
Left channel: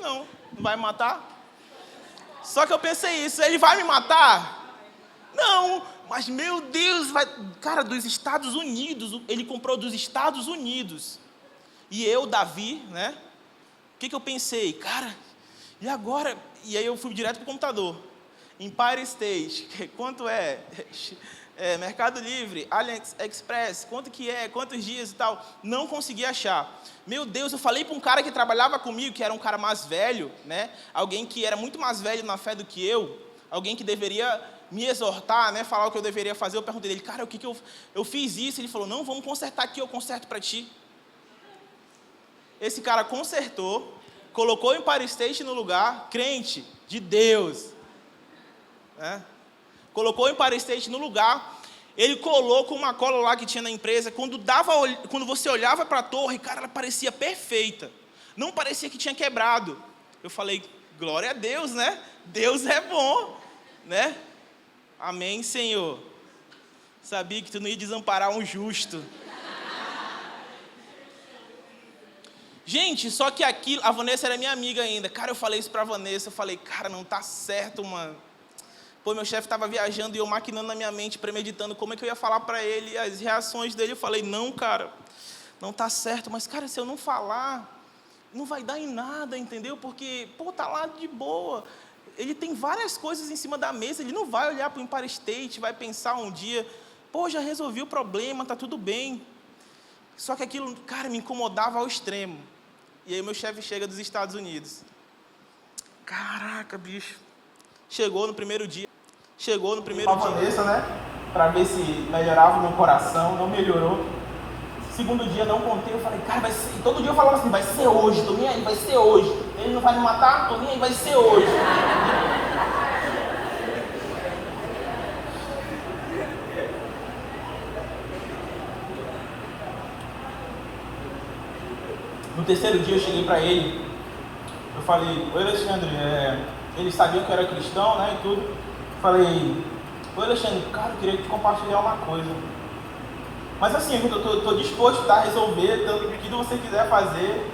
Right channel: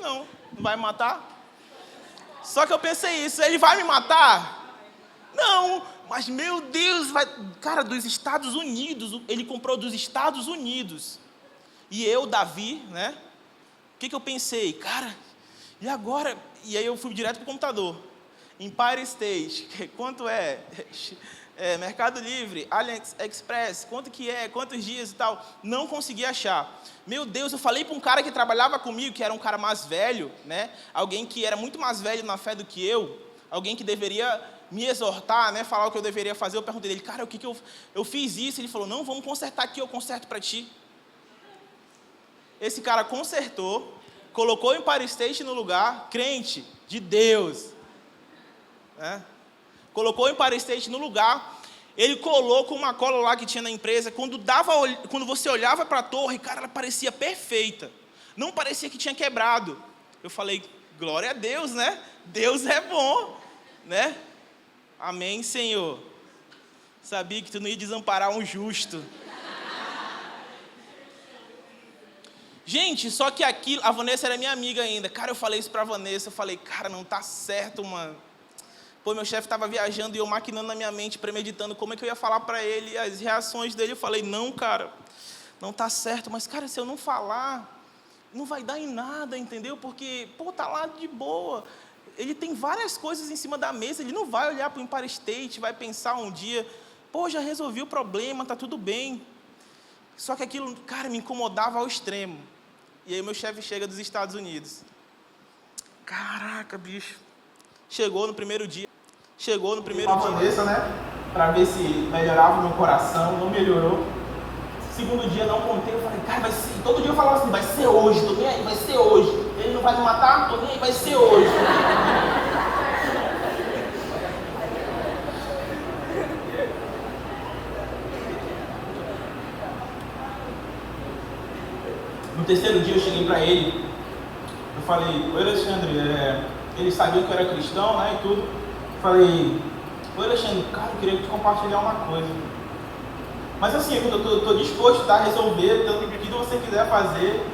não. Não vai me matar? Só que eu pensei isso: ele vai me matar? Não, mas meu Deus, cara, dos Estados Unidos, ele comprou dos Estados Unidos. E eu, Davi, né? O que eu pensei? Cara, e agora? E aí eu fui direto para o computador. Empire State, quanto é? Mercado Livre, AliExpress, quanto que é? Quantos dias e tal? Não consegui achar. Meu Deus, eu falei para um cara que trabalhava comigo, que era um cara mais velho, né? Alguém que era muito mais velho na fé do que eu, alguém que deveria me exortar, né? Falar o que eu deveria fazer. Eu perguntei dele, cara, o que eu fiz isso? Ele falou, não, vamos consertar aqui, eu conserto para ti. Esse cara consertou, colocou o Empire State no lugar, crente de Deus, né? Colocou o Empire State no lugar, ele colou com uma cola lá que tinha na empresa, quando você olhava para a torre, cara, ela parecia perfeita, não parecia que tinha quebrado. Eu falei, glória a Deus, né? Deus é bom, né? Amém, Senhor. Sabia que tu não ia desamparar um justo. Gente, só que aquilo, a Vanessa era minha amiga ainda. Cara, eu falei isso pra Vanessa, eu falei, cara, não tá certo, mano. Pô, meu chefe estava viajando e eu maquinando na minha mente, premeditando como é que eu ia falar para ele, as reações dele. Eu falei, não, cara, não tá certo. Mas, cara, se eu não falar, não vai dar em nada, entendeu? Porque, pô, tá lá de boa. Ele tem várias coisas em cima da mesa, ele não vai olhar para o Empire State, vai pensar um dia, pô, já resolvi o problema, tá tudo bem. Só que aquilo, cara, me incomodava ao extremo. E aí meu chefe chega dos Estados Unidos. Caraca, bicho. Chegou no primeiro dia. Vanessa, né? Para ver se melhorava o meu coração, não melhorou. Segundo dia, não contei, eu falei, cara, vai ser. Todo dia eu falava assim, vai ser hoje, tô nem aí, vai ser hoje. Ele não vai me matar, tô nem aí, vai ser hoje. No terceiro dia eu cheguei para ele, eu falei, oi Alexandre, ele sabia que eu era cristão, né, e tudo. Falei, oi Alexandre, cara, eu queria te compartilhar uma coisa. Mas assim, eu tô disposto a resolver tanto que você quiser fazer.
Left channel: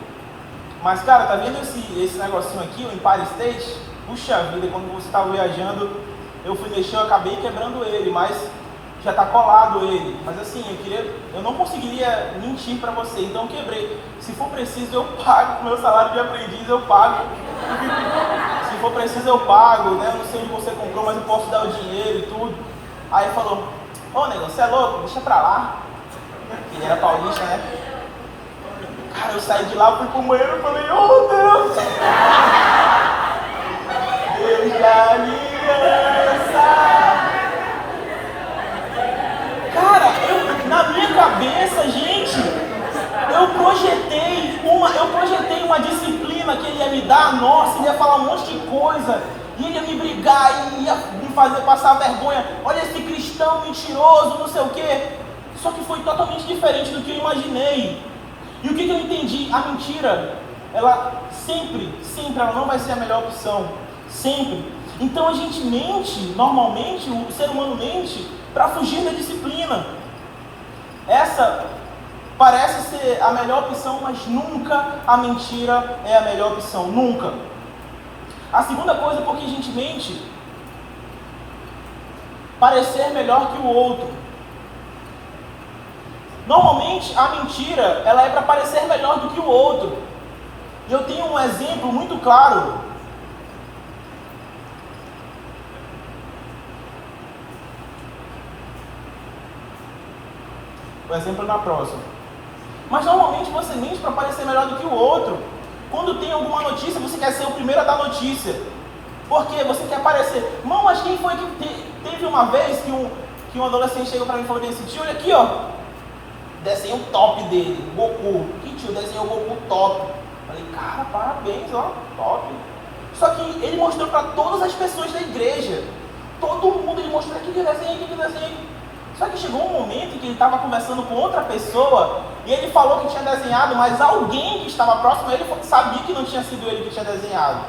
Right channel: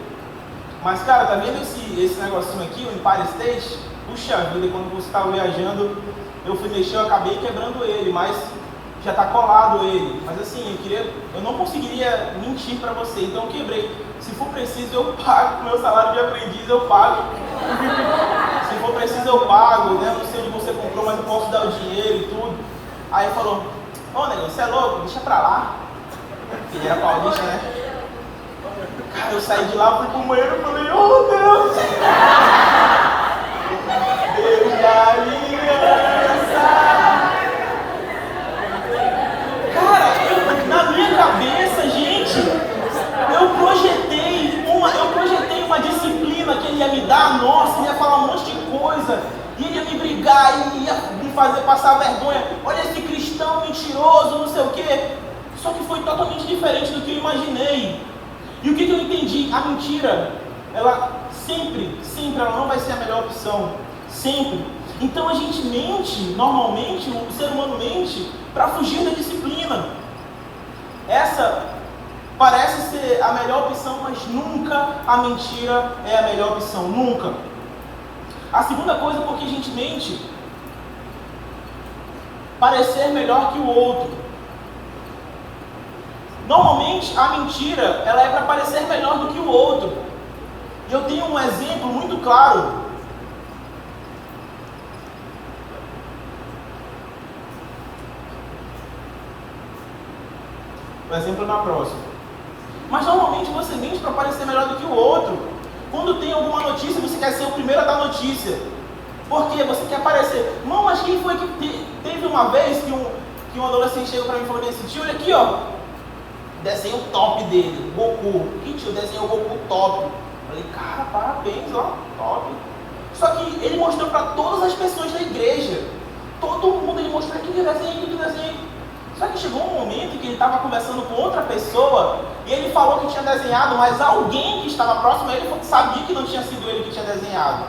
Mas cara, tá vendo esse negocinho aqui, o Empire State? Puxa vida, quando você estava viajando, eu fui mexer, eu acabei quebrando ele, mas já tá colado ele. Mas assim, eu não conseguiria mentir para você, então eu quebrei. Se for preciso, eu pago. Meu salário de aprendiz, eu pago. Se for preciso, eu pago, né? Não sei onde você comprou, mas eu posso dar o dinheiro e tudo. Aí ele falou, ô negão, você é louco? Deixa pra lá. Ele era paulista, né? Cara, eu saí de lá, fui pro banheiro e falei, oh Deus! Deus da aliança! Cara, na minha cabeça, gente, eu projetei uma disciplina que ele ia me dar, nossa, ele ia falar um monte de coisa, e ele ia me brigar, e ia me fazer passar vergonha, olha esse cristão mentiroso, não sei o quê. Só que foi totalmente diferente do que eu imaginei. E o que eu entendi? A mentira, ela sempre ela não vai ser a melhor opção, sempre. Então a gente mente, normalmente, o ser humano mente para fugir da disciplina. Essa parece ser a melhor opção, mas nunca a mentira é a melhor opção, nunca. A segunda coisa por que a gente mente, parecer melhor que o outro. Normalmente a mentira, ela é para parecer melhor do que o outro. E eu tenho um exemplo muito claro. O exemplo é na próxima. Mas normalmente você mente para parecer melhor do que o outro. Quando tem alguma notícia, você quer ser o primeiro a dar notícia. Por quê? Você quer aparecer. Não, mas quem foi que teve uma vez que um adolescente chegou para mim e falou assim, tio, olha aqui, ó, desenho top dele, Goku. Que tio, desenhou o Goku top. Falei, cara, parabéns, ó, top. Só que ele mostrou para todas as pessoas da igreja. Todo mundo, ele mostrou que desenho. Só que chegou um momento em que ele estava conversando com outra pessoa e ele falou que tinha desenhado, mas alguém que estava próximo a ele sabia que não tinha sido ele que tinha desenhado.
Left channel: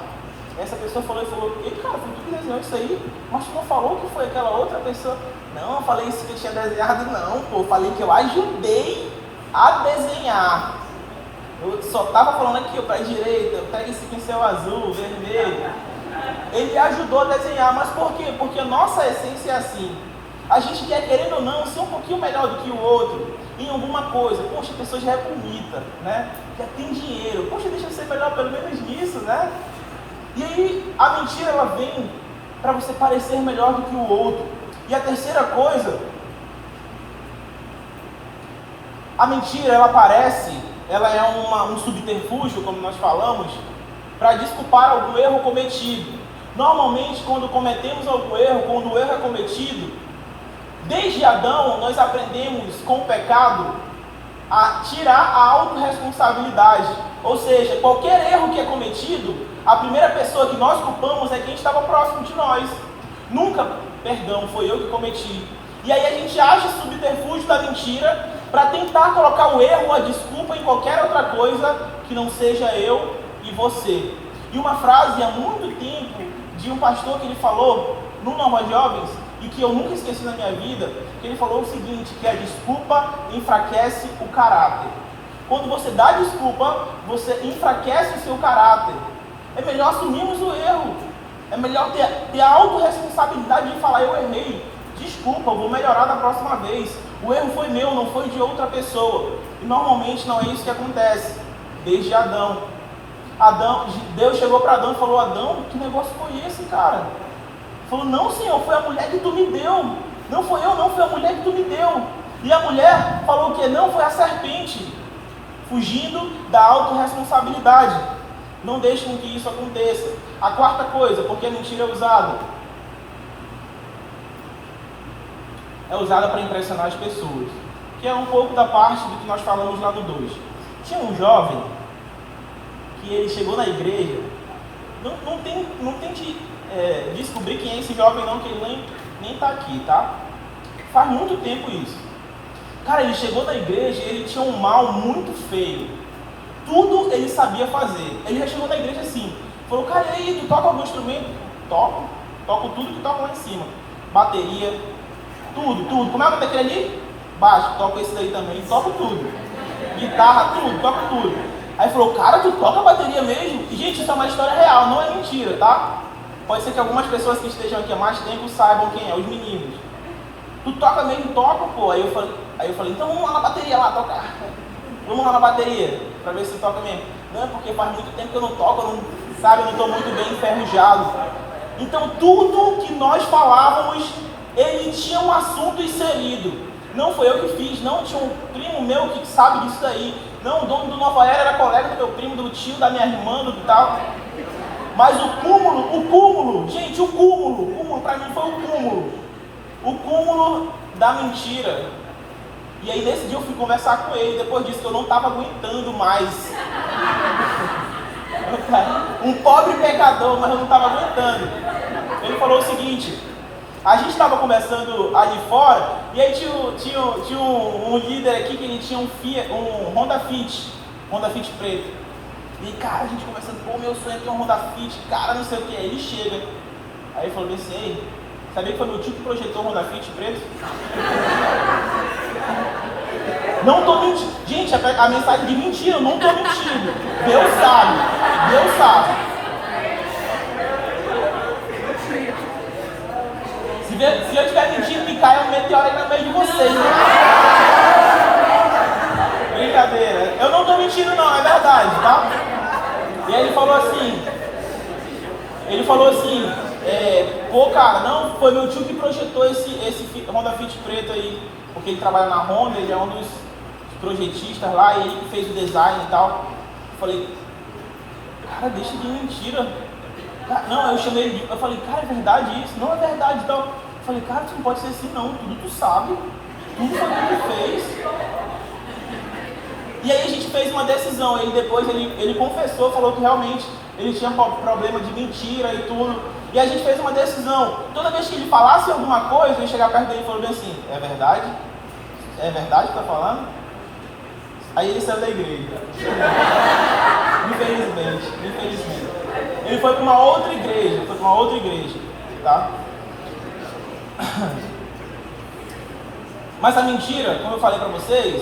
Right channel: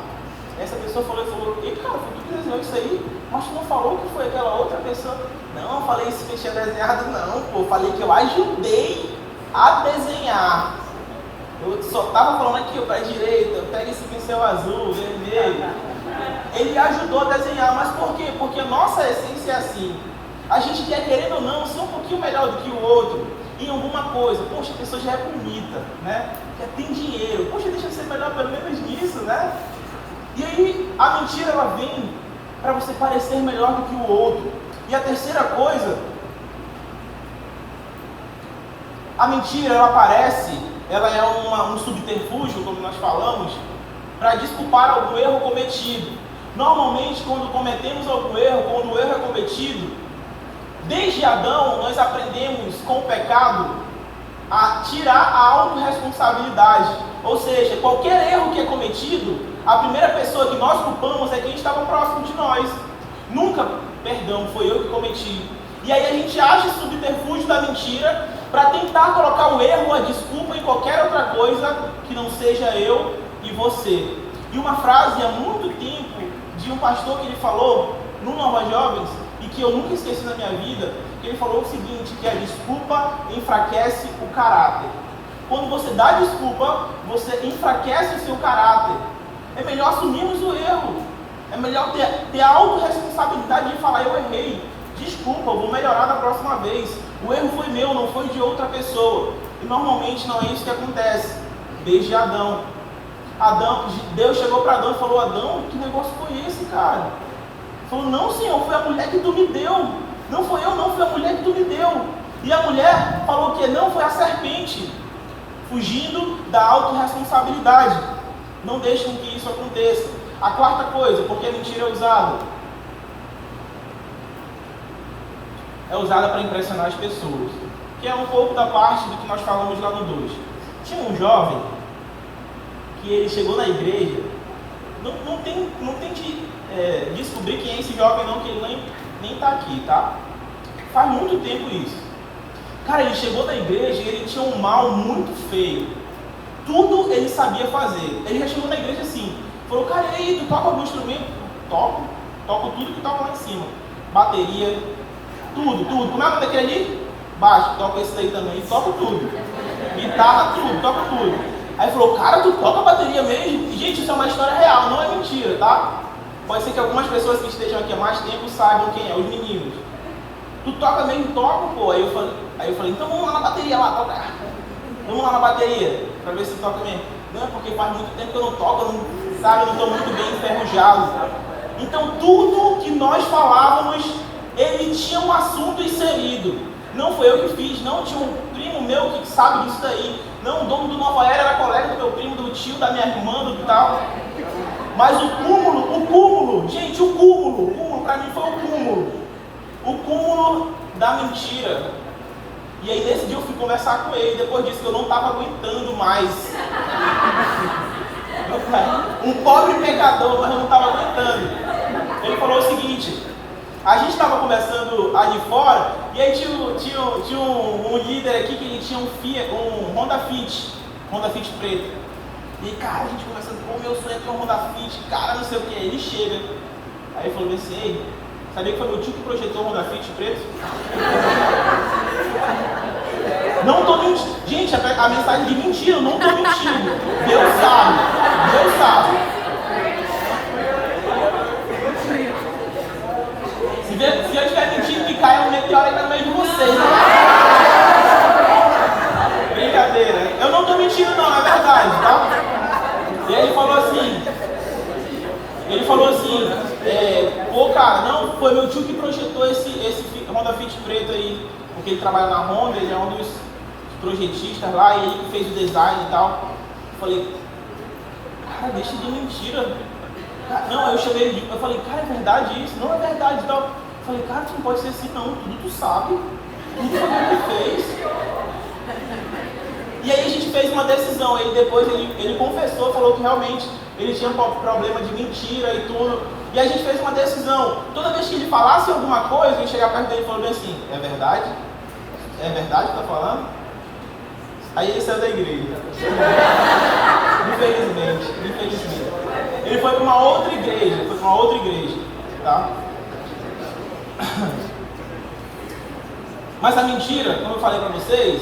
Essa pessoa falou, ei cara, foi tu que desenhou isso aí? Mas tu não falou que foi aquela outra pessoa? Não, eu falei isso que eu tinha desenhado não, pô. Falei que eu ajudei a desenhar. Eu só estava falando aqui, para a direita, pega esse pincel azul, vermelho. Ele ajudou a desenhar, mas por quê? Porque nossa essência é assim. A gente quer, querendo ou não, ser um pouquinho melhor do que o outro. em alguma coisa. Poxa, a pessoa já é bonita, né? Já tem dinheiro. Poxa, deixa eu ser melhor pelo menos nisso, né? E aí a mentira ela vem para você parecer melhor do que o outro. E a terceira coisa, a mentira ela aparece, ela é um subterfúgio, como nós falamos, para desculpar algum erro cometido. Normalmente, quando cometemos algum erro, quando o erro é cometido, desde Adão, nós aprendemos com o pecado a tirar a autorresponsabilidade. Ou seja, qualquer erro que é cometido, a primeira pessoa que nós culpamos é quem estava próximo de nós. Nunca, perdão, foi eu que cometi. E aí a gente acha o subterfúgio da mentira para tentar colocar o erro ou a desculpa em qualquer outra coisa que não seja eu e você. E uma frase há muito tempo de um pastor que ele falou no Nova Jovens, e que eu nunca esqueci na minha vida, que ele falou o seguinte, que a desculpa enfraquece o caráter. Quando você dá desculpa, você enfraquece o seu caráter. É melhor assumirmos o erro. É melhor ter a autorresponsabilidade de falar, eu errei. Desculpa, eu vou melhorar da próxima vez. O erro foi meu, não foi de outra pessoa. E normalmente não é isso que acontece. Desde Adão. Deus chegou para Adão e falou, Adão, que negócio foi esse, cara? Falou, não, Senhor, foi a mulher que tu me deu. Não foi eu, não, foi a mulher que tu me deu. E a mulher falou que não, foi a serpente. Fugindo da autorresponsabilidade. Não deixe com que isso aconteça. A quarta coisa, porque a mentira é usada. É usada para impressionar as pessoas. Que é um pouco da parte do que nós falamos lá no 2. Tinha um jovem que ele chegou na igreja. Não tente descobrir quem é esse jovem não, que ele nem está aqui, tá? Faz muito tempo isso. Cara, ele chegou na igreja e ele tinha um mal muito feio. Tudo ele sabia fazer. Ele já chegou na igreja assim. Falou, cara, e aí, tu toca algum instrumento? Toco tudo que toca lá em cima. Bateria, tudo. Como é que daquele ali? Baixo, toca esse daí também, toco tudo. Guitarra, toco tudo. Aí ele falou, cara, tu toca bateria mesmo? Gente, isso é uma história real, não é mentira, tá? Pode ser que algumas pessoas que estejam aqui há mais tempo saibam quem é, os meninos. Tu toca mesmo? Toco, pô. Aí eu falei, então vamos lá na bateria lá, tocar. Vamos lá na bateria, pra ver se toca mesmo. Não, porque faz muito tempo que eu não toco, eu não estou muito bem enferrujado. Então tudo que nós falávamos, ele tinha um assunto inserido. Não foi eu que fiz, não tinha um primo meu que sabe disso daí. Não, o dono do Nova Era era colega do meu primo, do tio, da minha irmã, do tal. Mas o cúmulo, gente, o cúmulo para mim foi o cúmulo da mentira. E aí nesse dia eu fui conversar com ele, depois disso que eu não estava aguentando mais. Um pobre pecador, mas eu não estava aguentando. Ele falou o seguinte, a gente estava conversando ali fora, e aí tinha um líder aqui que ele tinha um Honda Fit preto. E cara, a gente conversando, pô, meu sonho é ter um Honda Fit, cara, não sei o que. Aí ele chega, aí ele falou, pensei, sabia que foi meu tio que projetou o Honda Fit preto? Não tô mentindo. Gente, a mensagem de mentira, eu não tô mentindo. Deus sabe. Se eu estiver mentindo, me cai um meteoro aí no meio de vocês. Brincadeira. Eu não tô mentindo não, é verdade, tá? E aí ele falou assim, pô cara, não, foi meu tio que projetou esse Honda Fit preto aí, porque ele trabalha na Honda, ele é um dos projetistas lá, e ele que fez o design e tal. Eu falei, cara, deixa de mentira. Não, eu falei, cara, é verdade isso? Não é verdade e tal. Eu falei, cara, tu não pode ser assim não, tudo tu sabe, tudo foi que tu fez. E aí a gente fez uma decisão, depois ele confessou, falou que realmente ele tinha problema de mentira e tudo. E a gente fez uma decisão, toda vez que ele falasse alguma coisa, eu ia chegar perto dele e falou bem assim, é verdade? É verdade que tá falando? Aí ele saiu da igreja. Infelizmente. Ele foi para uma outra igreja, tá? Mas a mentira, como eu falei para vocês,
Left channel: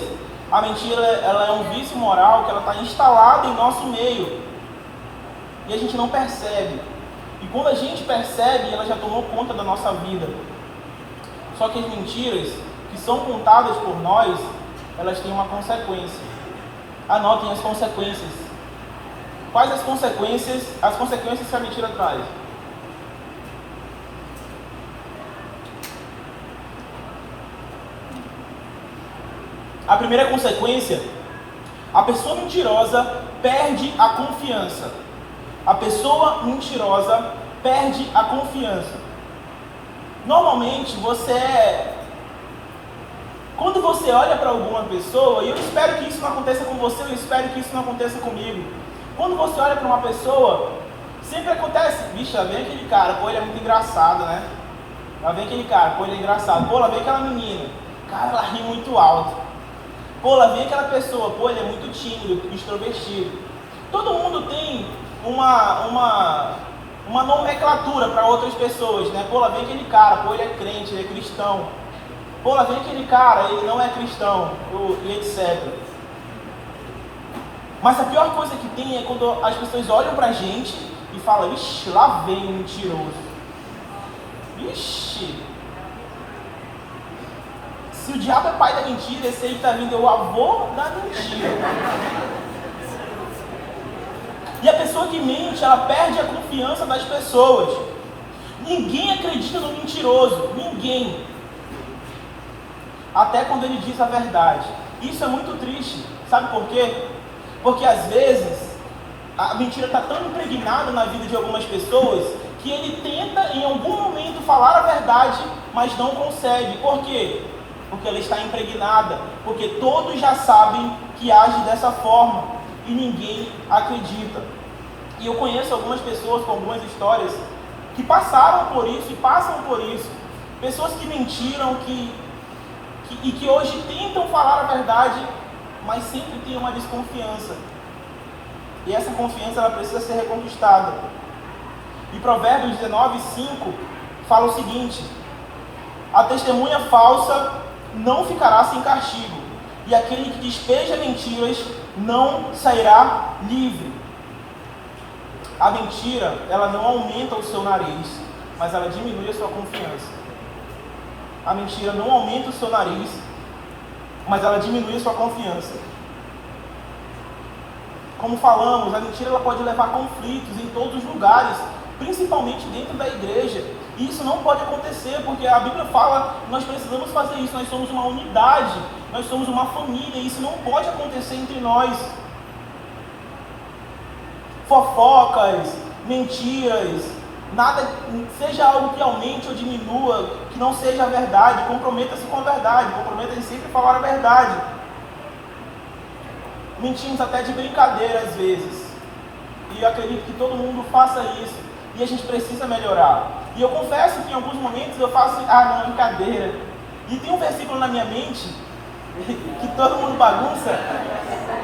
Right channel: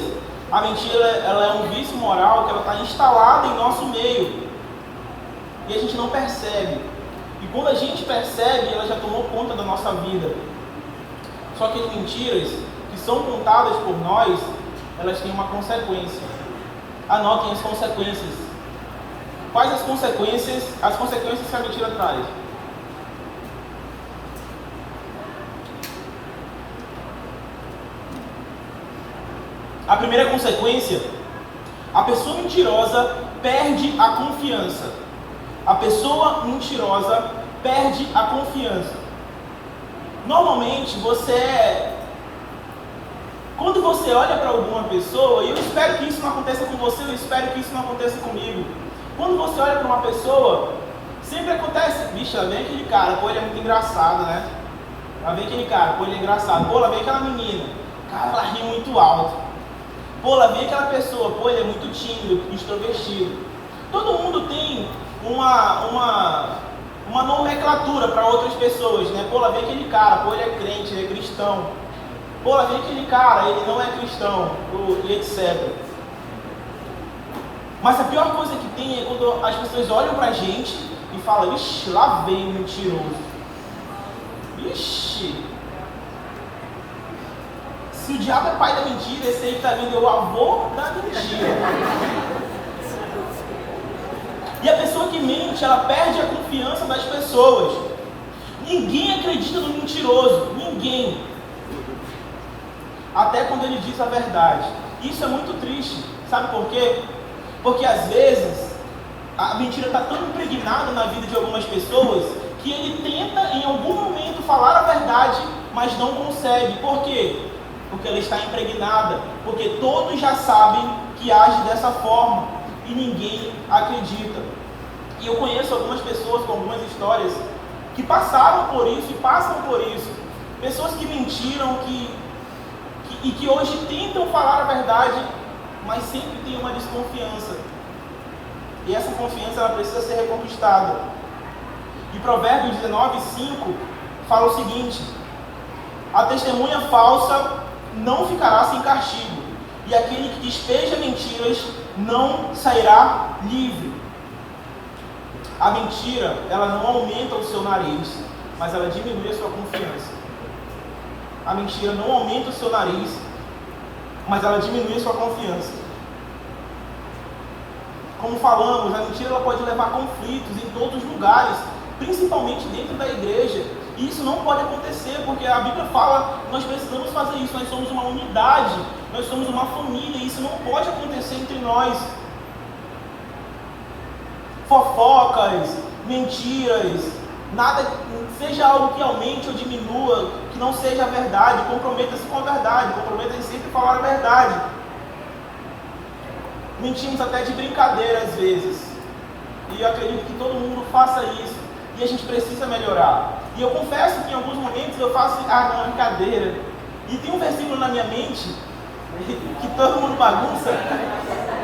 a mentira ela é um vício moral que ela está instalada em nosso meio. E a gente não percebe. E quando a gente percebe, ela já tomou conta da nossa vida. Só que as mentiras que são contadas por nós, elas têm uma consequência. Anotem as consequências. Quais as consequências que a mentira traz? A primeira consequência, a pessoa mentirosa perde a confiança. A pessoa mentirosa perde a confiança. Normalmente quando você olha para alguma pessoa, e eu espero que isso não aconteça com você, eu espero que isso não aconteça comigo. Quando você olha para uma pessoa, sempre acontece, bicho, lá vem aquele cara, pô, ele é muito engraçado, né? Lá vem aquele cara, pô, ele é engraçado. Pô, lá vem aquela menina, cara, ela ri muito alto. Pô, lá vem aquela pessoa, pô, ele é muito tímido, extrovertido. Todo mundo tem uma nomenclatura para outras pessoas, né? Pô, lá vem aquele cara, pô, ele é crente, ele é cristão. Pô, lá vem aquele cara, ele não é cristão, e etc. Mas a pior coisa que tem é quando as pessoas olham pra gente e falam, ixi, lá vem o mentiroso. Ixi. Se o diabo é pai da mentira, esse aí que tá vindo é o avô da mentira. E a pessoa que mente, ela perde a confiança das pessoas. Ninguém acredita no mentiroso. Ninguém. Até quando ele diz a verdade. Isso é muito triste. Sabe por quê? Porque às vezes a mentira está tão impregnada na vida de algumas pessoas que ele tenta em algum momento falar a verdade, mas não consegue. Por quê? Porque ela está impregnada. Porque todos já sabem que age dessa forma e ninguém acredita. E eu conheço algumas pessoas com algumas histórias que passaram por isso e passam por isso. Pessoas que mentiram e que hoje tentam falar a verdade, mas sempre tem uma desconfiança. E essa confiança ela precisa ser reconquistada. E Provérbios 19:5 fala o seguinte: a testemunha falsa não ficará sem castigo, e aquele que despeja mentiras não sairá livre. A mentira, ela não aumenta o seu nariz, mas ela diminui a sua confiança. A mentira não aumenta o seu nariz, mas ela diminui a sua confiança. Como falamos, a mentira ela pode levar a conflitos em todos os lugares, principalmente dentro da igreja. E isso não pode acontecer, porque a Bíblia fala que nós precisamos fazer isso, nós somos uma unidade, nós somos uma família, e isso não pode acontecer entre nós. Fofocas, mentiras, nada, seja algo que aumente ou diminua, que não seja a verdade, comprometa-se com a verdade, comprometa-se sempre a falar a verdade. Mentimos até de brincadeira às vezes, e eu acredito que todo mundo faça isso, e a gente precisa melhorar. E eu confesso que em alguns momentos eu faço, não, brincadeira, e tem um versículo na minha mente, que todo mundo bagunça,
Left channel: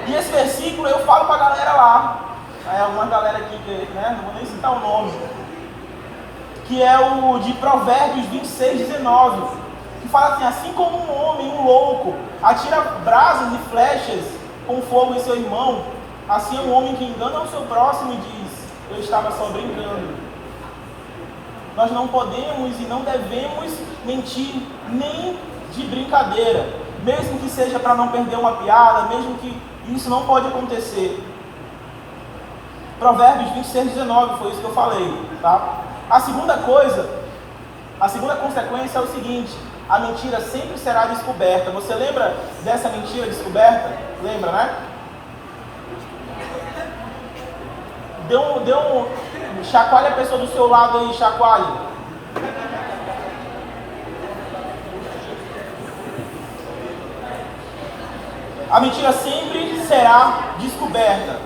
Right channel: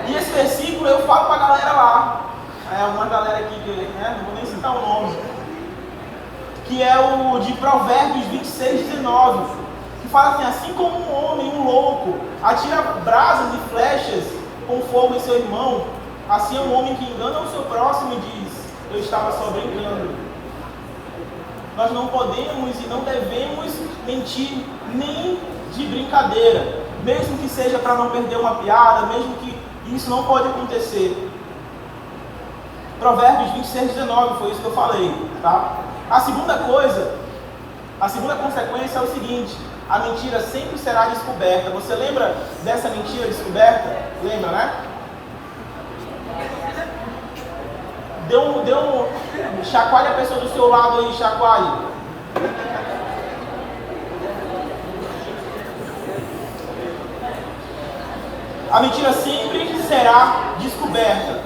e esse versículo eu falo pra galera lá, uma galera aqui que não vou nem citar o nome, que é o de Provérbios 26:19, que fala assim como um homem, um louco, atira brasas e flechas com fogo em seu irmão, assim é um homem que engana o seu próximo e diz, eu estava só brincando. Nós não podemos e não devemos mentir nem de brincadeira, mesmo que seja para não perder uma piada, mesmo que isso não pode acontecer. Provérbios 26:19, foi isso que eu falei, tá? A segunda consequência é o seguinte: a mentira sempre será descoberta. Você lembra dessa mentira descoberta? Lembra, né? Chacoalhe a pessoa do seu lado aí, chacoalhe. A mentira sempre será descoberta.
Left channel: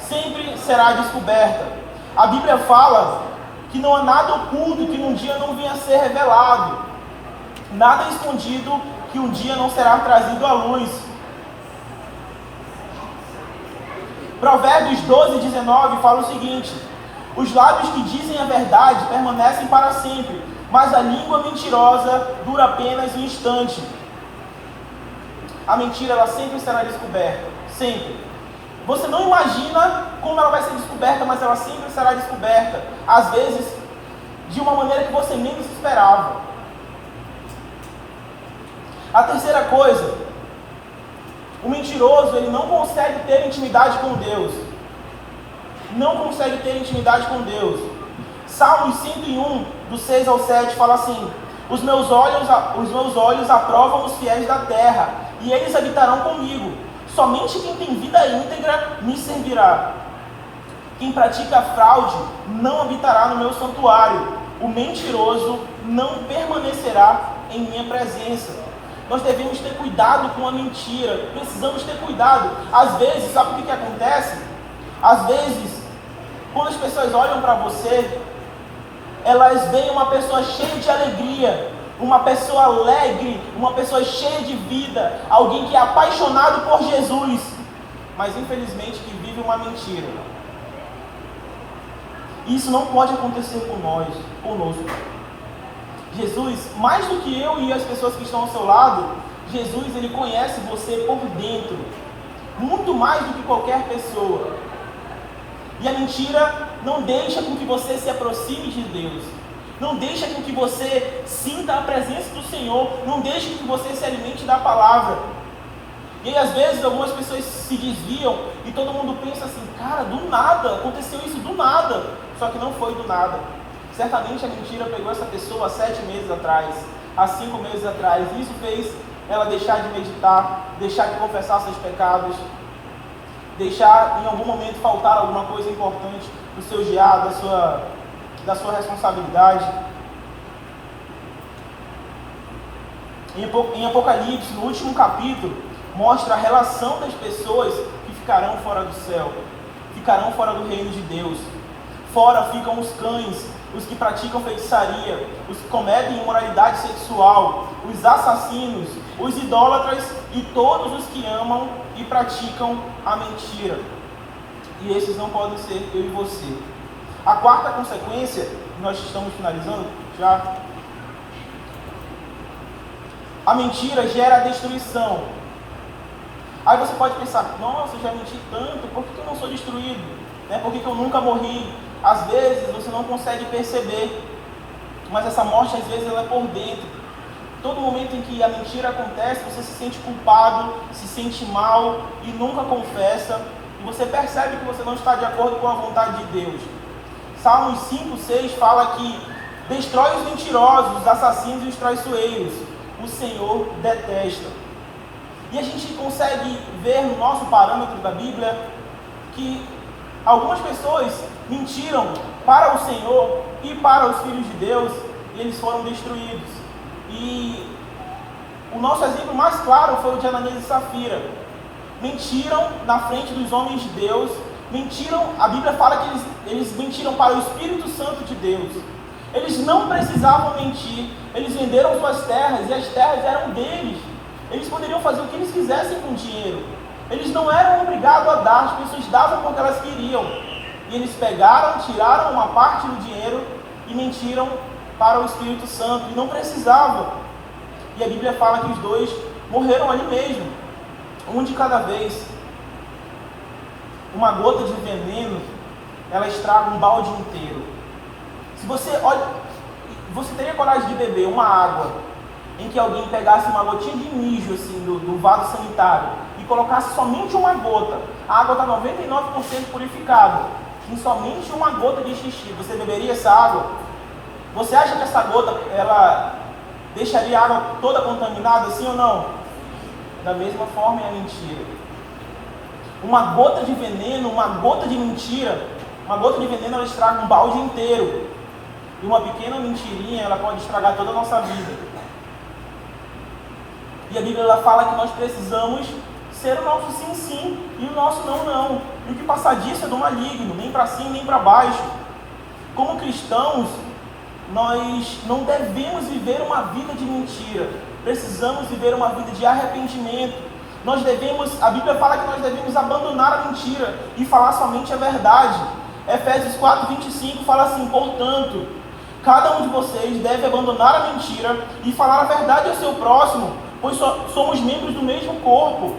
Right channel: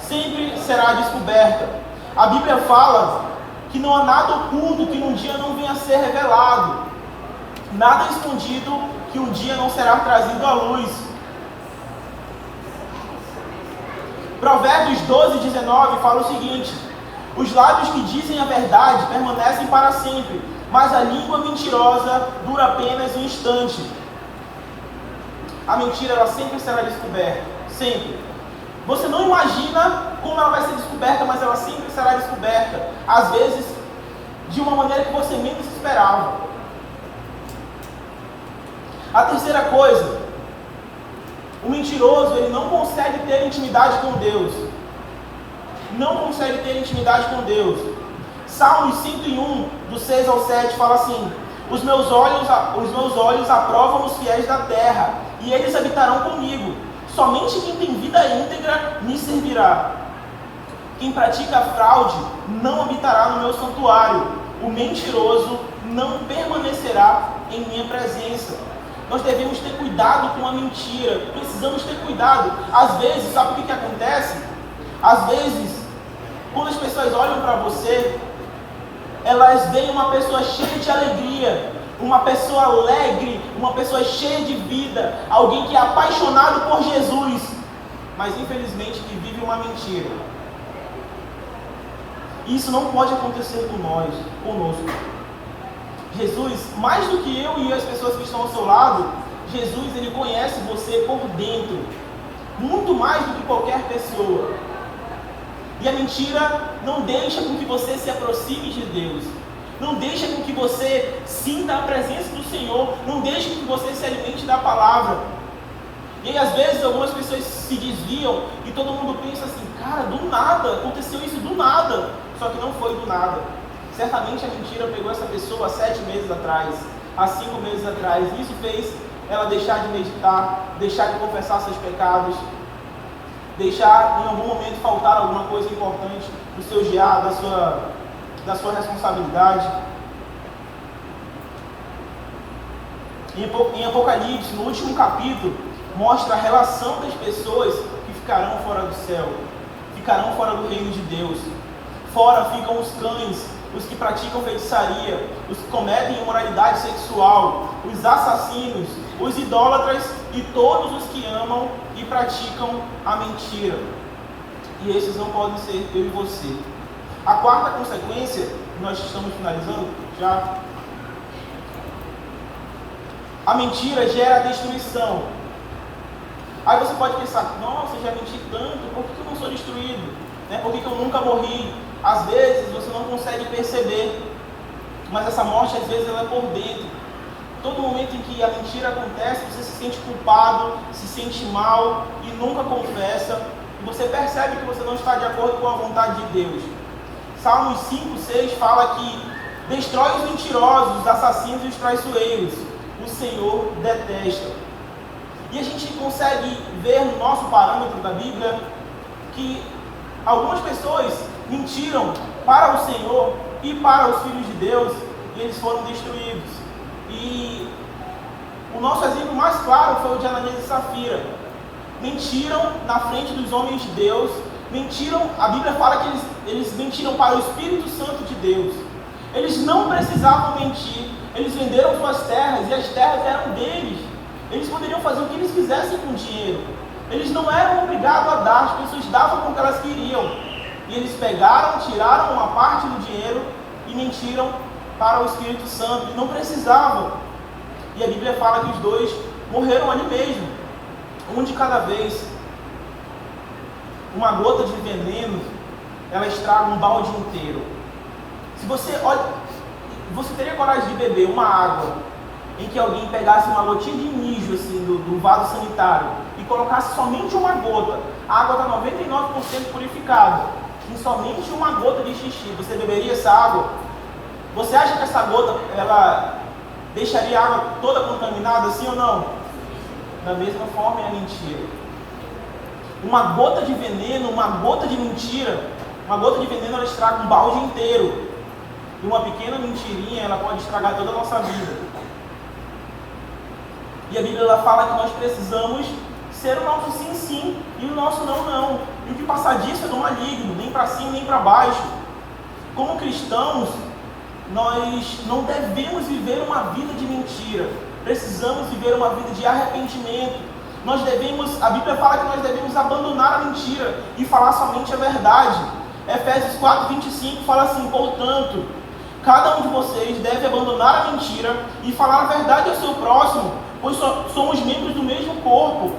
Sempre será descoberta. A Bíblia fala que não há nada oculto que um dia não venha a ser revelado. Nada escondido que um dia não será trazido à luz. Provérbios 12:19 fala o seguinte: os lábios que dizem a verdade permanecem para sempre, mas a língua mentirosa dura apenas um instante. A mentira ela sempre será descoberta, sempre. Você não imagina como ela vai ser descoberta, mas ela sempre será descoberta. Às vezes, de uma maneira que você menos esperava. A terceira coisa, O mentiroso, ele não consegue ter intimidade com Deus. Não consegue ter intimidade com Deus. Salmos 101, do 6 ao 7, fala assim: os meus olhos aprovam os fiéis da terra, e eles habitarão comigo. Somente quem tem vida íntegra me servirá. Quem pratica fraude não habitará no meu santuário. O mentiroso não permanecerá em minha presença. Nós devemos ter cuidado com a mentira. Precisamos ter cuidado. Às vezes, sabe o que acontece? Às vezes, quando as pessoas olham para você, elas veem uma pessoa cheia de alegria, uma pessoa alegre, uma pessoa cheia de vida, alguém que é apaixonado por Jesus, mas infelizmente que vive uma mentira. Isso não pode acontecer conosco. Jesus, mais do que eu e as pessoas que estão ao seu lado, Jesus, ele conhece você por dentro, muito mais do que qualquer pessoa. E a mentira não deixa com que você se aproxime de Deus, não deixa com que você sinta a presença do Senhor, não deixa com que você se alimente da palavra. E aí, às vezes, algumas pessoas se desviam e todo mundo pensa assim: cara, do nada, aconteceu isso do nada. Só que não foi do nada. Certamente a mentira pegou essa pessoa há 7 meses atrás, há 5 meses atrás. E isso fez ela deixar de meditar, deixar de confessar seus pecados, deixar em algum momento faltar alguma coisa importante do seu diário, da sua responsabilidade. Em Apocalipse, no último capítulo, mostra a relação das pessoas que ficarão fora do céu, ficarão fora do reino de Deus. Fora ficam os cães, os que praticam feitiçaria, os que cometem imoralidade sexual, os assassinos, os idólatras e todos os que amam e praticam a mentira. E esses não podem ser eu e você. A quarta consequência, nós estamos finalizando já. A mentira gera destruição. Aí você pode pensar: nossa, eu já menti tanto, por que eu não sou destruído? Por que eu nunca morri? Às vezes você não consegue perceber, mas essa morte às vezes ela é por dentro. Todo momento em que a mentira acontece, você se sente culpado, se sente mal e nunca confessa, e você percebe que você não está de acordo com a vontade de Deus. Salmos 5, 6 fala que destrói os mentirosos, os assassinos e os traiçoeiros. O Senhor detesta. E a gente consegue ver no nosso parâmetro da Bíblia que algumas pessoas mentiram para o Senhor e para os filhos de Deus, e eles foram destruídos. E o nosso exemplo mais claro foi o de Ananias e Safira. Mentiram na frente dos homens de Deus, mentiram, a Bíblia fala que eles mentiram para o Espírito Santo de Deus. Eles não precisavam mentir, eles venderam suas terras e as terras eram deles. Eles poderiam fazer o que eles quisessem com o dinheiro. Eles não eram obrigados a dar, as pessoas davam porque elas queriam. E eles pegaram, tiraram uma parte do dinheiro e mentiram para o Espírito Santo. E não precisavam. E a Bíblia fala que os dois morreram ali mesmo, um de cada vez. Uma gota de veneno, ela estraga um balde inteiro. Se você olha, você teria coragem de beber uma água em que alguém pegasse uma gotinha de mijo assim, do vaso sanitário e colocasse somente uma gota? A água está 99% purificada, e somente uma gota de xixi, você beberia essa água? Você acha que essa gota ela deixaria a água toda contaminada, sim ou não? Da mesma forma é a mentira. Uma gota de veneno, uma gota de mentira, uma gota de veneno ela estraga um balde inteiro. E uma pequena mentirinha ela pode estragar toda a nossa vida. E a Bíblia ela fala que nós precisamos ser o nosso sim, sim e o nosso não, não. E o que passar disso é do maligno, nem para cima nem para baixo. Como cristãos, nós não devemos viver uma vida de mentira. Precisamos viver uma vida de arrependimento. A Bíblia fala que nós devemos abandonar a mentira e falar somente a verdade. Efésios 4:25 fala assim: portanto, cada um de vocês deve abandonar a mentira e falar a verdade ao seu próximo, pois somos membros do mesmo corpo.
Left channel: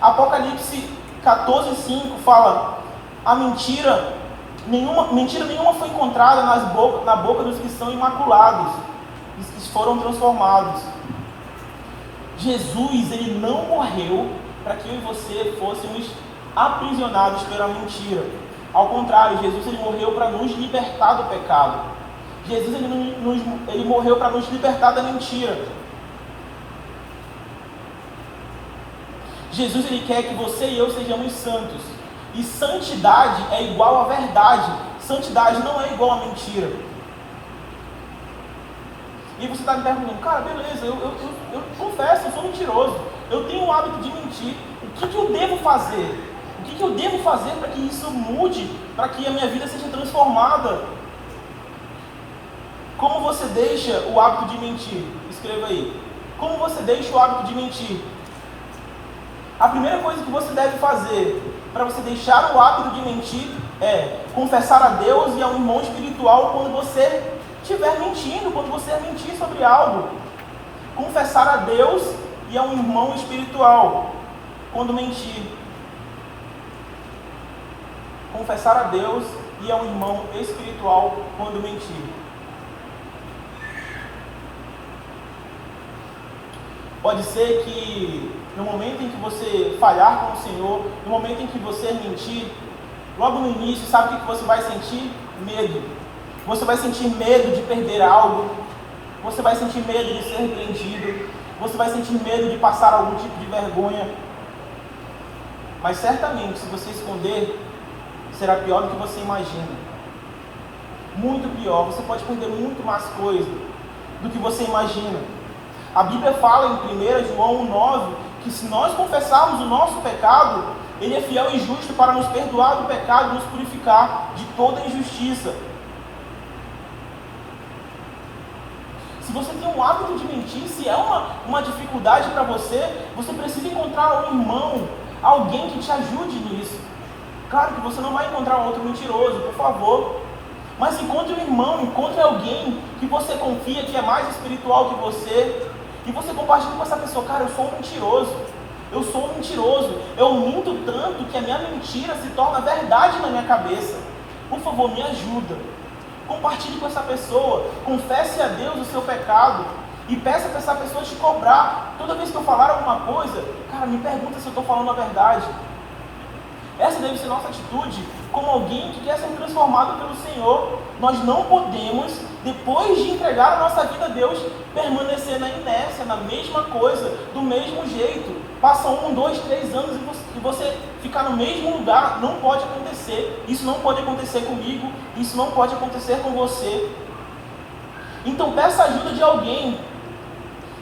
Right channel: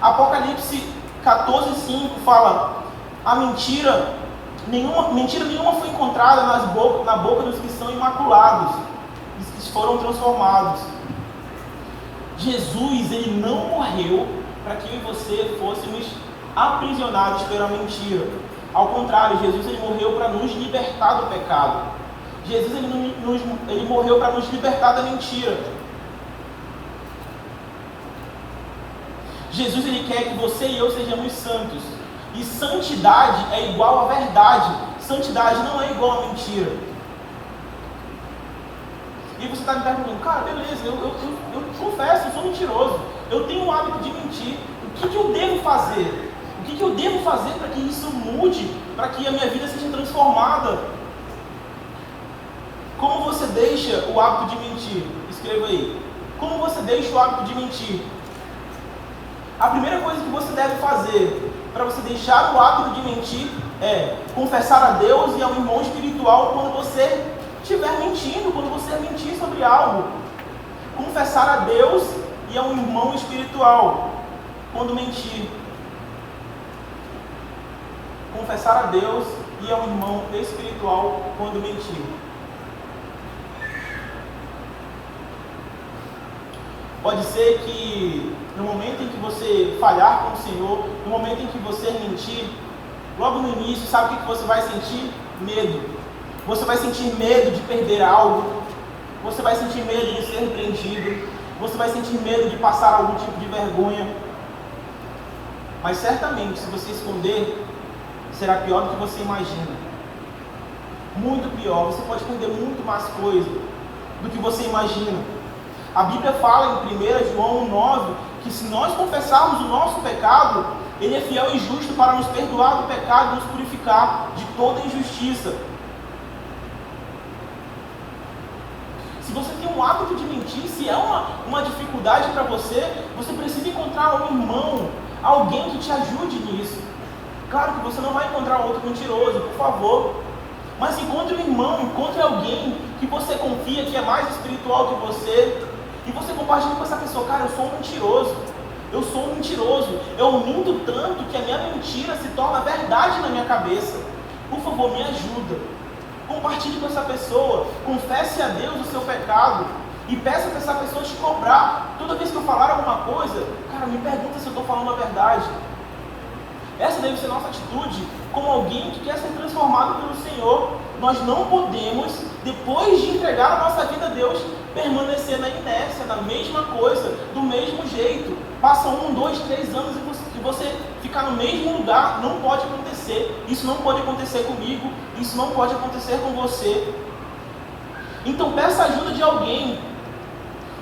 Apocalipse 14:5 fala: a mentira nenhuma foi encontrada na boca dos que são imaculados, dos que foram transformados. Jesus, ele não morreu para que eu e você fôssemos aprisionados pela mentira. Ao contrário, Jesus ele morreu para nos libertar do pecado. Jesus ele morreu para nos libertar da mentira. Jesus ele quer que você e eu sejamos santos. E santidade é igual a verdade. Santidade não é igual a mentira. E você está me perguntando, cara, beleza, eu confesso, eu sou mentiroso. Eu tenho o hábito de mentir. O que eu devo fazer? O que eu devo fazer para que isso mude? Para que a minha vida seja transformada? Como você deixa o hábito de mentir? Escreva aí. Como você deixa o hábito de mentir? A primeira coisa que você deve fazer para você deixar o hábito de mentir é confessar a Deus e ao irmão espiritual quando você estiver mentindo, quando você mentir sobre algo. Confessar a Deus e ao irmão espiritual quando mentir. Confessar a Deus e ao irmão espiritual quando mentir. Pode ser que no momento em que você falhar com o Senhor, no momento em que você mentir, logo no início, sabe o que você vai sentir? Medo. Você vai sentir medo de perder algo, você vai sentir medo de ser repreendido, você vai sentir medo de passar algum tipo de vergonha. Mas certamente, se você esconder, será pior do que você imagina. Muito pior, você pode perder muito mais coisa do que você imagina. A Bíblia fala em 1 João 9 que se nós confessarmos o nosso pecado, Ele é fiel e justo para nos perdoar do pecado e nos purificar de toda injustiça. Se você tem um hábito de mentir, se é uma dificuldade para você, você precisa encontrar um irmão, alguém que te ajude nisso. Claro que você não vai encontrar um outro mentiroso, por favor. Mas encontre um irmão, encontre alguém que você confia, que é mais espiritual que você. E você compartilha com essa pessoa, cara, eu sou um mentiroso. Eu sou um mentiroso. Eu minto tanto que a minha mentira se torna verdade na minha cabeça. Por favor, me ajuda. Compartilhe com essa pessoa. Confesse a Deus o seu pecado. E peça para essa pessoa te cobrar. Toda vez que eu falar alguma coisa, cara, me pergunta se eu estou falando a verdade. Essa deve ser nossa atitude como alguém que quer ser transformado pelo Senhor. Nós não podemos, depois de entregar a nossa vida a Deus, permanecer na inércia, na mesma coisa, do mesmo jeito. Passa 1, 2, 3 anos e você ficar no mesmo lugar. Não pode acontecer. Isso não pode acontecer comigo. Isso não pode acontecer com você. Então peça ajuda de alguém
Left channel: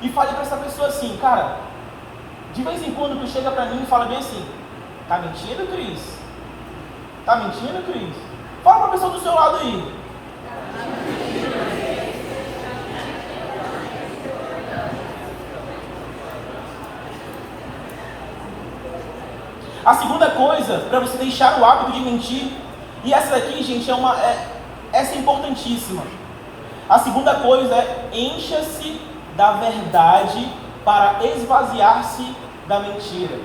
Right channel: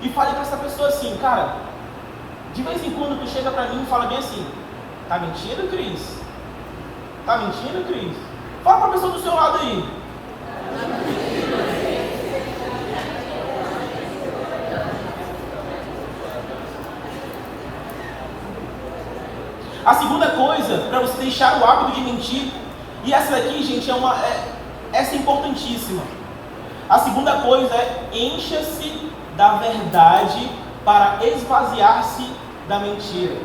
e fale para essa pessoa assim, cara, de vez em quando tu chega para mim e fala bem assim, tá mentindo, Cris? Tá mentindo, Cris? Fala para a pessoa do seu lado aí. A segunda coisa, para você deixar o hábito de mentir, e essa aqui, gente, essa é importantíssima. A segunda coisa é encha-se da verdade para esvaziar-se da mentira.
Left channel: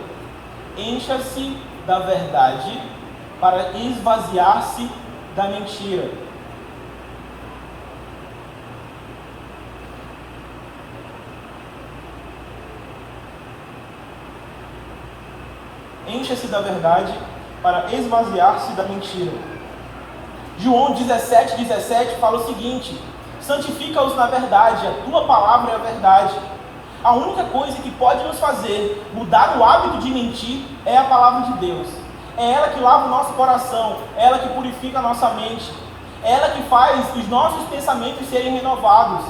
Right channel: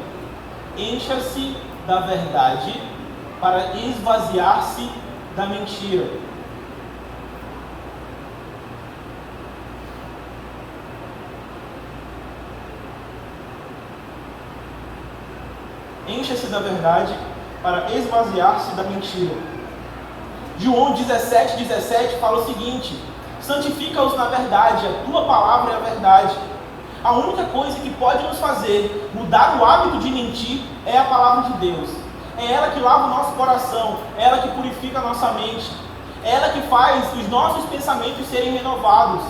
Encha-se da verdade para esvaziar-se da mentira. Encha-se da verdade para esvaziar-se da mentira. João 17:17 fala o seguinte: santifica-os na verdade, a tua palavra é a verdade. A única coisa que pode nos fazer mudar o hábito de mentir é a palavra de Deus. É ela que lava o nosso coração, é ela que purifica a nossa mente, é ela que faz os nossos pensamentos serem renovados,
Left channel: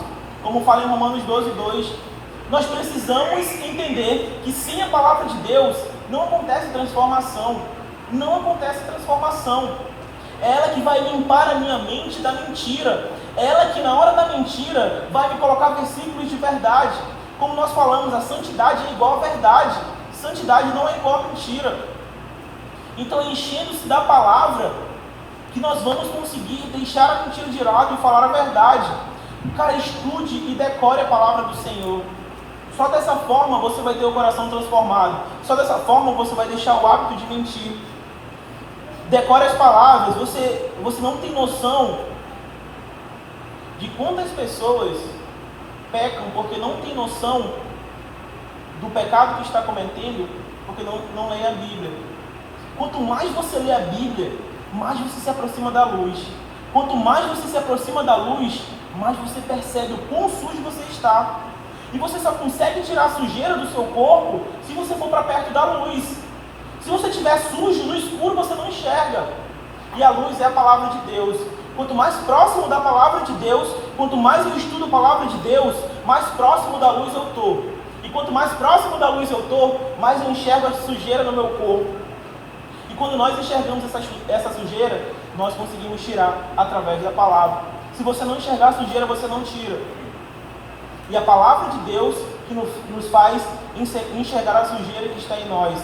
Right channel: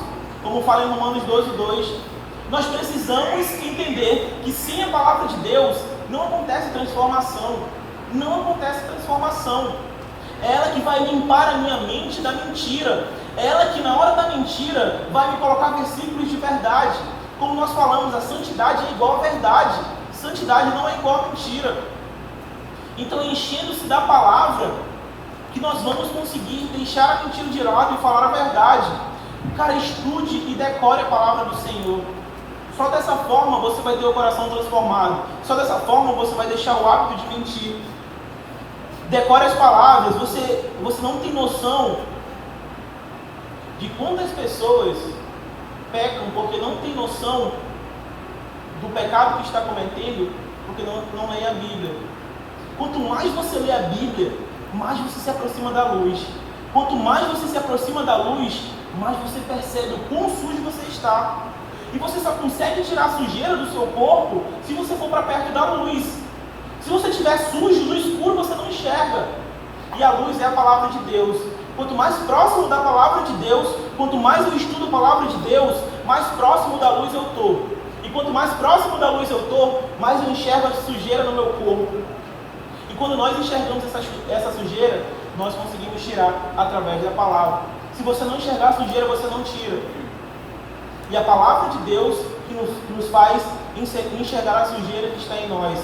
como fala em Romanos 12:2. Nós precisamos entender que sem a palavra de Deus não acontece transformação. Não acontece transformação. É ela que vai limpar a minha mente da mentira. É ela que na hora da mentira vai me colocar versículos de verdade. Como nós falamos, a santidade é igual à verdade. Santidade não é igual à mentira. Então, enchendo-se da palavra, que nós vamos conseguir deixar a mentira de lado e falar a verdade. Cara, estude e decore a palavra do Senhor. Só dessa forma você vai ter o coração transformado. Só dessa forma você vai deixar o hábito de mentir. Decore as palavras. Você não tem noção de quantas pessoas pecam porque não tem noção do pecado que está cometendo porque não leem a Bíblia. Quanto mais você lê a Bíblia, mais você se aproxima da luz. Quanto mais você se aproxima da luz, mais você percebe o quão sujo você está. E você só consegue tirar a sujeira do seu corpo se você for para perto da luz. Se você estiver sujo, no escuro, você não enxerga. E a luz é a palavra de Deus. Quanto mais próximo da palavra de Deus, quanto mais eu estudo a palavra de Deus, mais próximo da luz eu estou. E quanto mais próximo da luz eu estou, mais eu enxergo a sujeira no meu corpo. E quando nós enxergamos essa sujeira, nós conseguimos tirar através da palavra. Se você não enxergar a sujeira, você não tira. E a palavra de Deus que nos faz enxergar a sujeira que está em nós.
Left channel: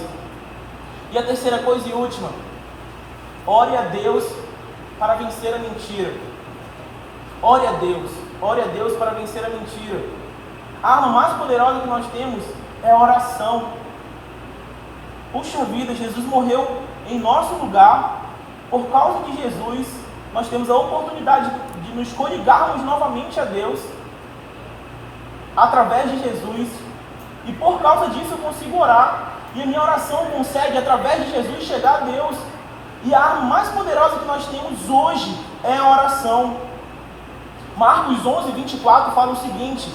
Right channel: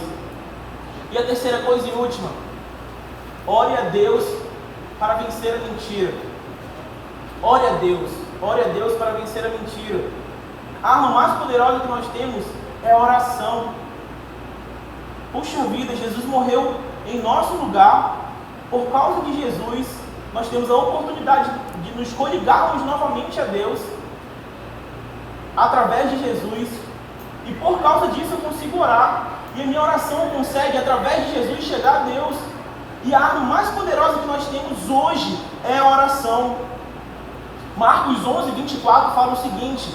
E a terceira coisa e última: ore a Deus para vencer a mentira. Ore a Deus para vencer a mentira. A arma mais poderosa que nós temos é a oração. Puxa vida, Jesus morreu em nosso lugar. Por causa de Jesus, nós temos a oportunidade de nos coligarmos novamente a Deus, através de Jesus. E por causa disso eu consigo orar. E a minha oração consegue, através de Jesus, chegar a Deus. E a arma mais poderosa que nós temos hoje é a oração. Marcos 11, 24 fala o seguinte:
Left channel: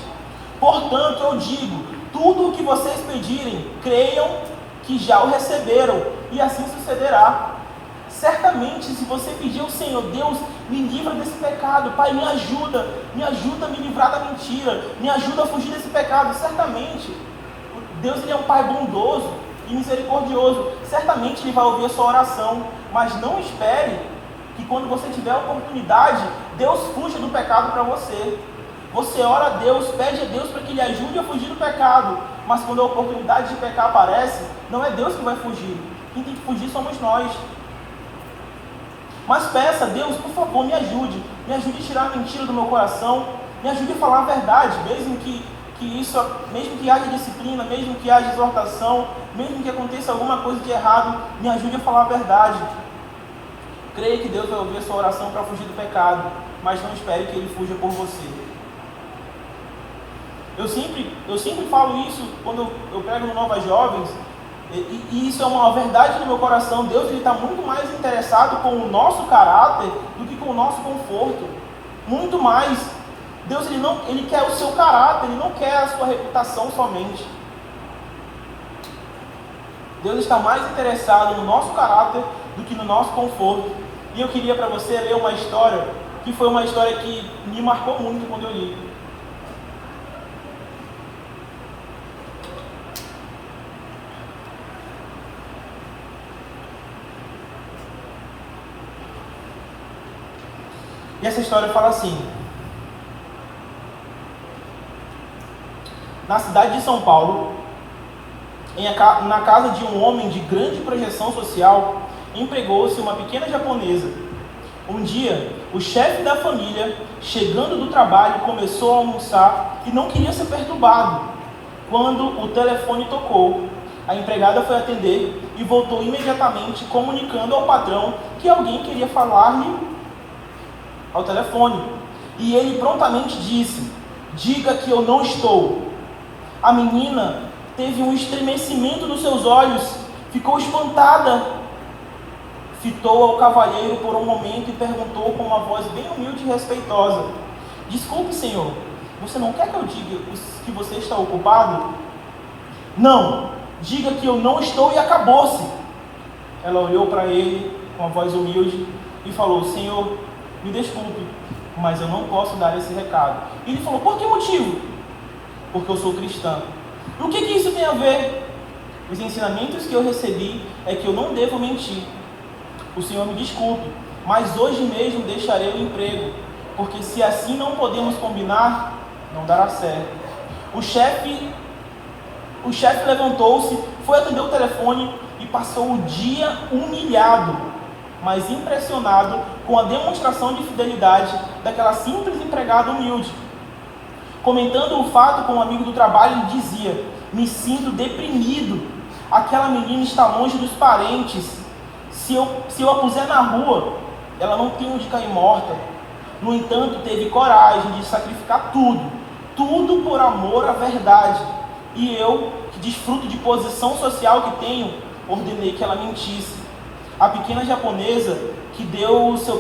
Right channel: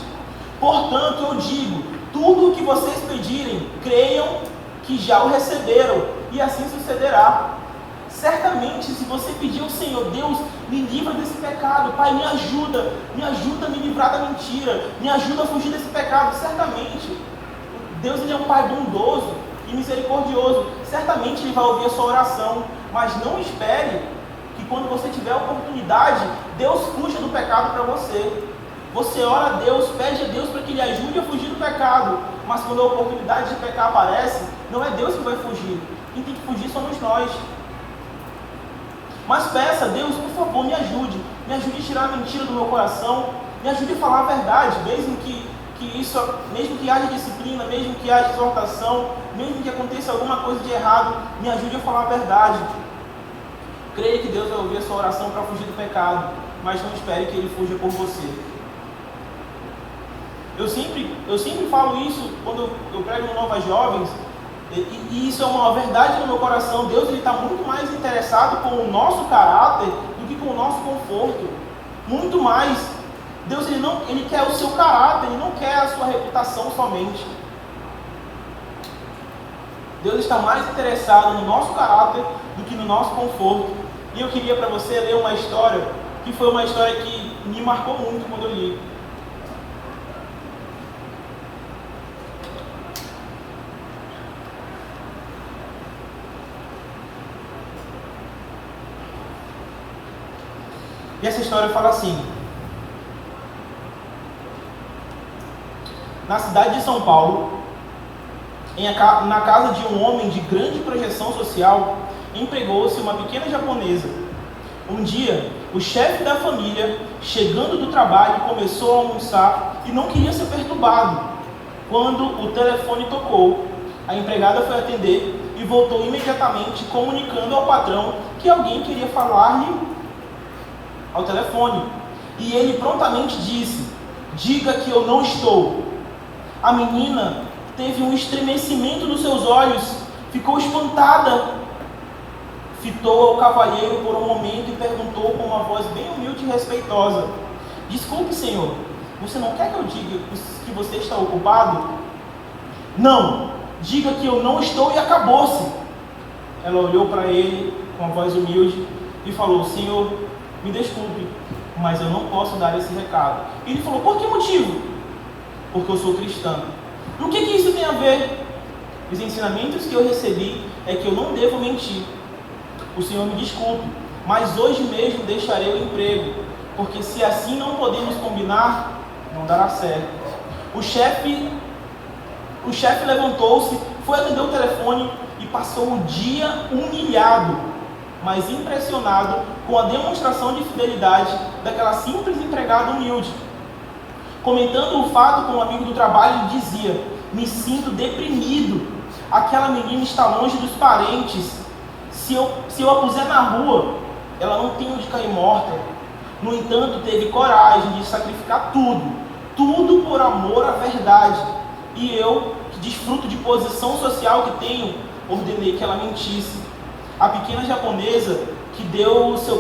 portanto eu digo, tudo o que vocês pedirem, creiam que já o receberam, e assim sucederá. Certamente, se você pedir ao Senhor, Deus, me livra desse pecado, Pai, me ajuda a me livrar da mentira, me ajuda a fugir desse pecado. Certamente, Deus, Ele é um Pai bondoso e misericordioso. Certamente Ele vai ouvir a sua oração, mas não espere que quando você tiver a oportunidade, Deus fuja do pecado para você. Você ora a Deus, pede a Deus para que Ele ajude a fugir do pecado, mas quando a oportunidade de pecar aparece, não é Deus que vai fugir. Quem tem que fugir somos nós. Mas peça a Deus, por favor, me ajude a tirar a mentira do meu coração, me ajude a falar a verdade, mesmo que haja disciplina, mesmo que haja exortação, mesmo que aconteça alguma coisa de errado, me ajude a falar a verdade. Creia que Deus vai ouvir a sua oração para fugir do pecado, mas não espere que Ele fuja por você. Eu sempre falo isso quando eu prego no Novas Jovens, e isso é uma verdade no meu coração. Deus está muito mais interessado com o nosso caráter do que com o nosso conforto. Muito mais. Deus ele quer o seu caráter, Ele não quer a sua reputação somente. Deus está mais interessado no nosso caráter do que no nosso conforto. E eu queria para você ler uma história, que foi uma história que me marcou muito quando eu li. E essa história fala assim: na cidade de São Paulo, na casa de um homem de grande projeção social, empregou-se uma pequena japonesa. Um dia, o chefe da família, chegando do trabalho, começou a almoçar e não queria ser perturbado. Quando o telefone tocou, a empregada foi atender e voltou imediatamente, comunicando ao patrão que alguém queria falar-lhe ao telefone. E ele prontamente disse: diga que eu não estou. A menina teve um estremecimento nos seus olhos, ficou espantada, fitou ao cavalheiro por um momento e perguntou com uma voz bem humilde e respeitosa: desculpe, senhor, você não quer que eu diga que você está ocupado? Não, diga que eu não estou e acabou-se. Ela olhou para ele com uma voz humilde e falou: senhor, me desculpe, mas eu não posso dar esse recado. E ele falou: por que motivo? Porque eu sou cristã. E o que isso tem a ver? Os ensinamentos que eu recebi é que eu não devo mentir. O Senhor me desculpe, mas hoje mesmo deixarei o emprego, porque se assim não podemos combinar, não dará certo. O chefe levantou-se, foi atender o telefone e passou o dia humilhado, mas impressionado com a demonstração de fidelidade daquela simples empregada humilde. Comentando o fato com um amigo do trabalho, ele dizia: me sinto deprimido, aquela menina está longe dos parentes, se eu a puser na rua, ela não tem onde cair morta. No entanto, teve coragem de sacrificar tudo por amor à verdade. E eu, que desfruto de posição social que tenho, ordenei que ela mentisse. A pequena japonesa que deu o seu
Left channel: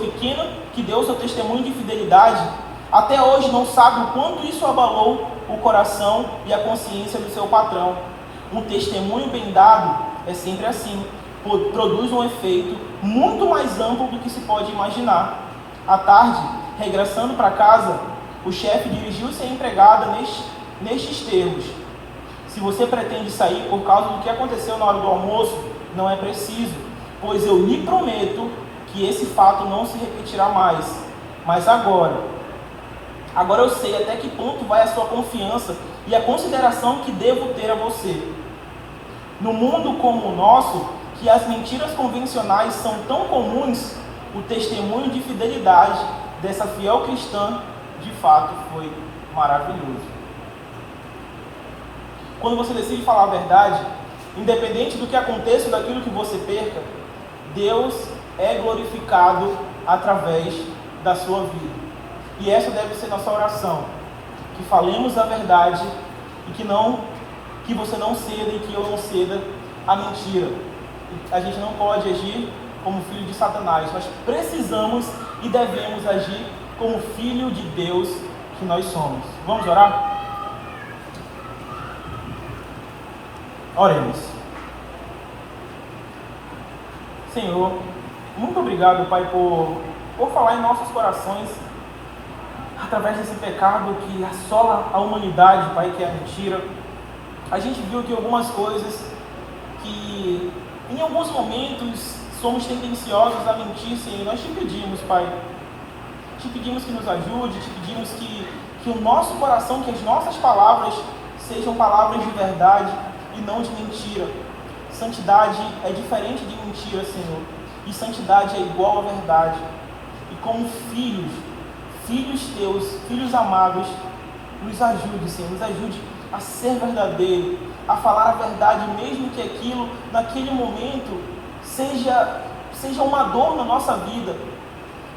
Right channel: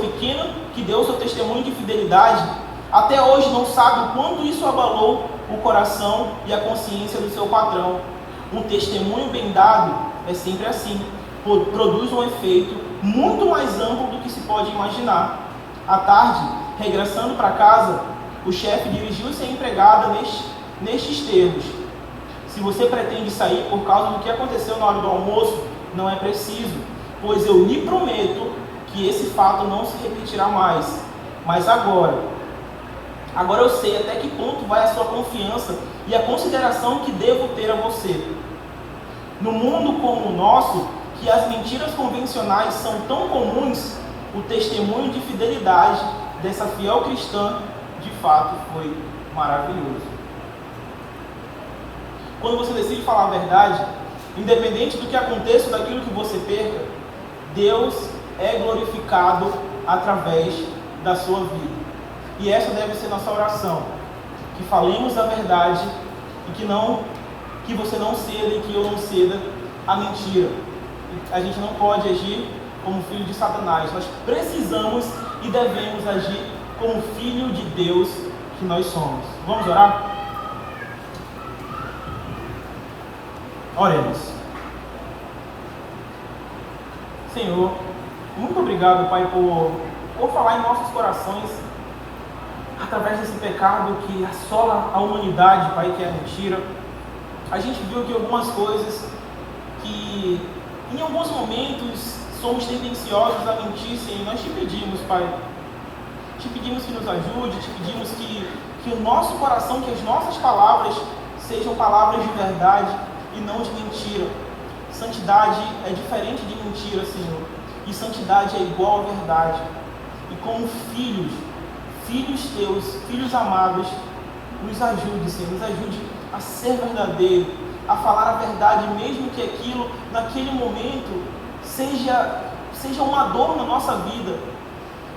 testemunho de fidelidade, até hoje não sabe o quanto isso abalou o coração e a consciência do seu patrão. Um testemunho bem dado é sempre assim, produz um efeito muito mais amplo do que se pode imaginar. À tarde, regressando para casa, o chefe dirigiu-se à empregada nestes termos: se você pretende sair por causa do que aconteceu na hora do almoço, não é preciso, pois eu lhe prometo que esse fato não se repetirá mais. Mas agora eu sei até que ponto vai a sua confiança e a consideração que devo ter a você. No mundo como o nosso, que as mentiras convencionais são tão comuns, o testemunho de fidelidade dessa fiel cristã, de fato, foi maravilhoso. Quando você decide falar a verdade, independente do que aconteça ou daquilo que você perca, Deus é glorificado através da sua vida. E essa deve ser nossa oração, que falemos a verdade e que você não ceda e que eu não ceda a mentira. A gente não pode agir como filho de Satanás. Nós precisamos e devemos agir como filho de Deus que nós somos. Vamos orar? Oremos. Senhor, muito obrigado, Pai, por falar em nossos corações através desse pecado que assola a humanidade, Pai, que é a mentira. A gente viu que algumas coisas que em alguns momentos somos tendenciosos a mentir, Senhor. Nós te pedimos, Pai, te pedimos que nos ajude, te pedimos que o nosso coração, que as nossas palavras sejam palavras de verdade e não de mentira. Santidade é diferente de mentira, Senhor, e santidade é igual à verdade. E como filhos teus, filhos amados, nos ajude, Senhor, nos ajude a ser verdadeiro, a falar a verdade, mesmo que aquilo, naquele momento, seja uma dor na nossa vida,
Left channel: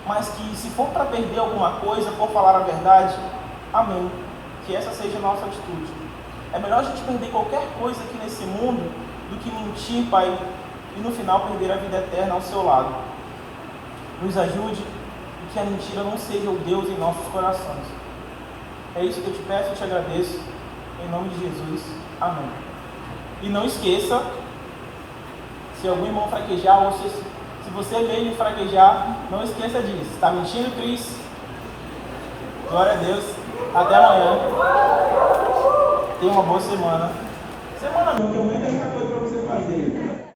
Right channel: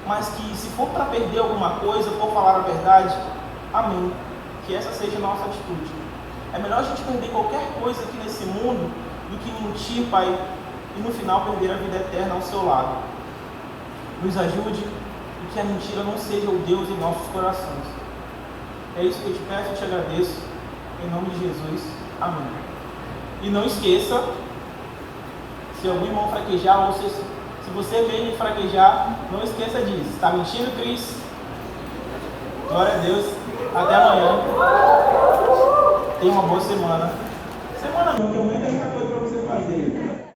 mas que se for para perder alguma coisa, for falar a verdade, amém, que essa seja a nossa atitude. É melhor a gente perder qualquer coisa aqui nesse mundo do que mentir, Pai, e no final perder a vida eterna ao seu lado. Nos ajude e que a mentira não seja o Deus em nossos corações. É isso que eu te peço e te agradeço. Em nome de Jesus. Amém. E não esqueça, se algum irmão fraquejar, se você vê ele fraquejar, não esqueça disso. Está mentindo, Cris? Glória a Deus. Até amanhã. Tenha uma boa semana. Semana não, tem muita coisa para você fazer.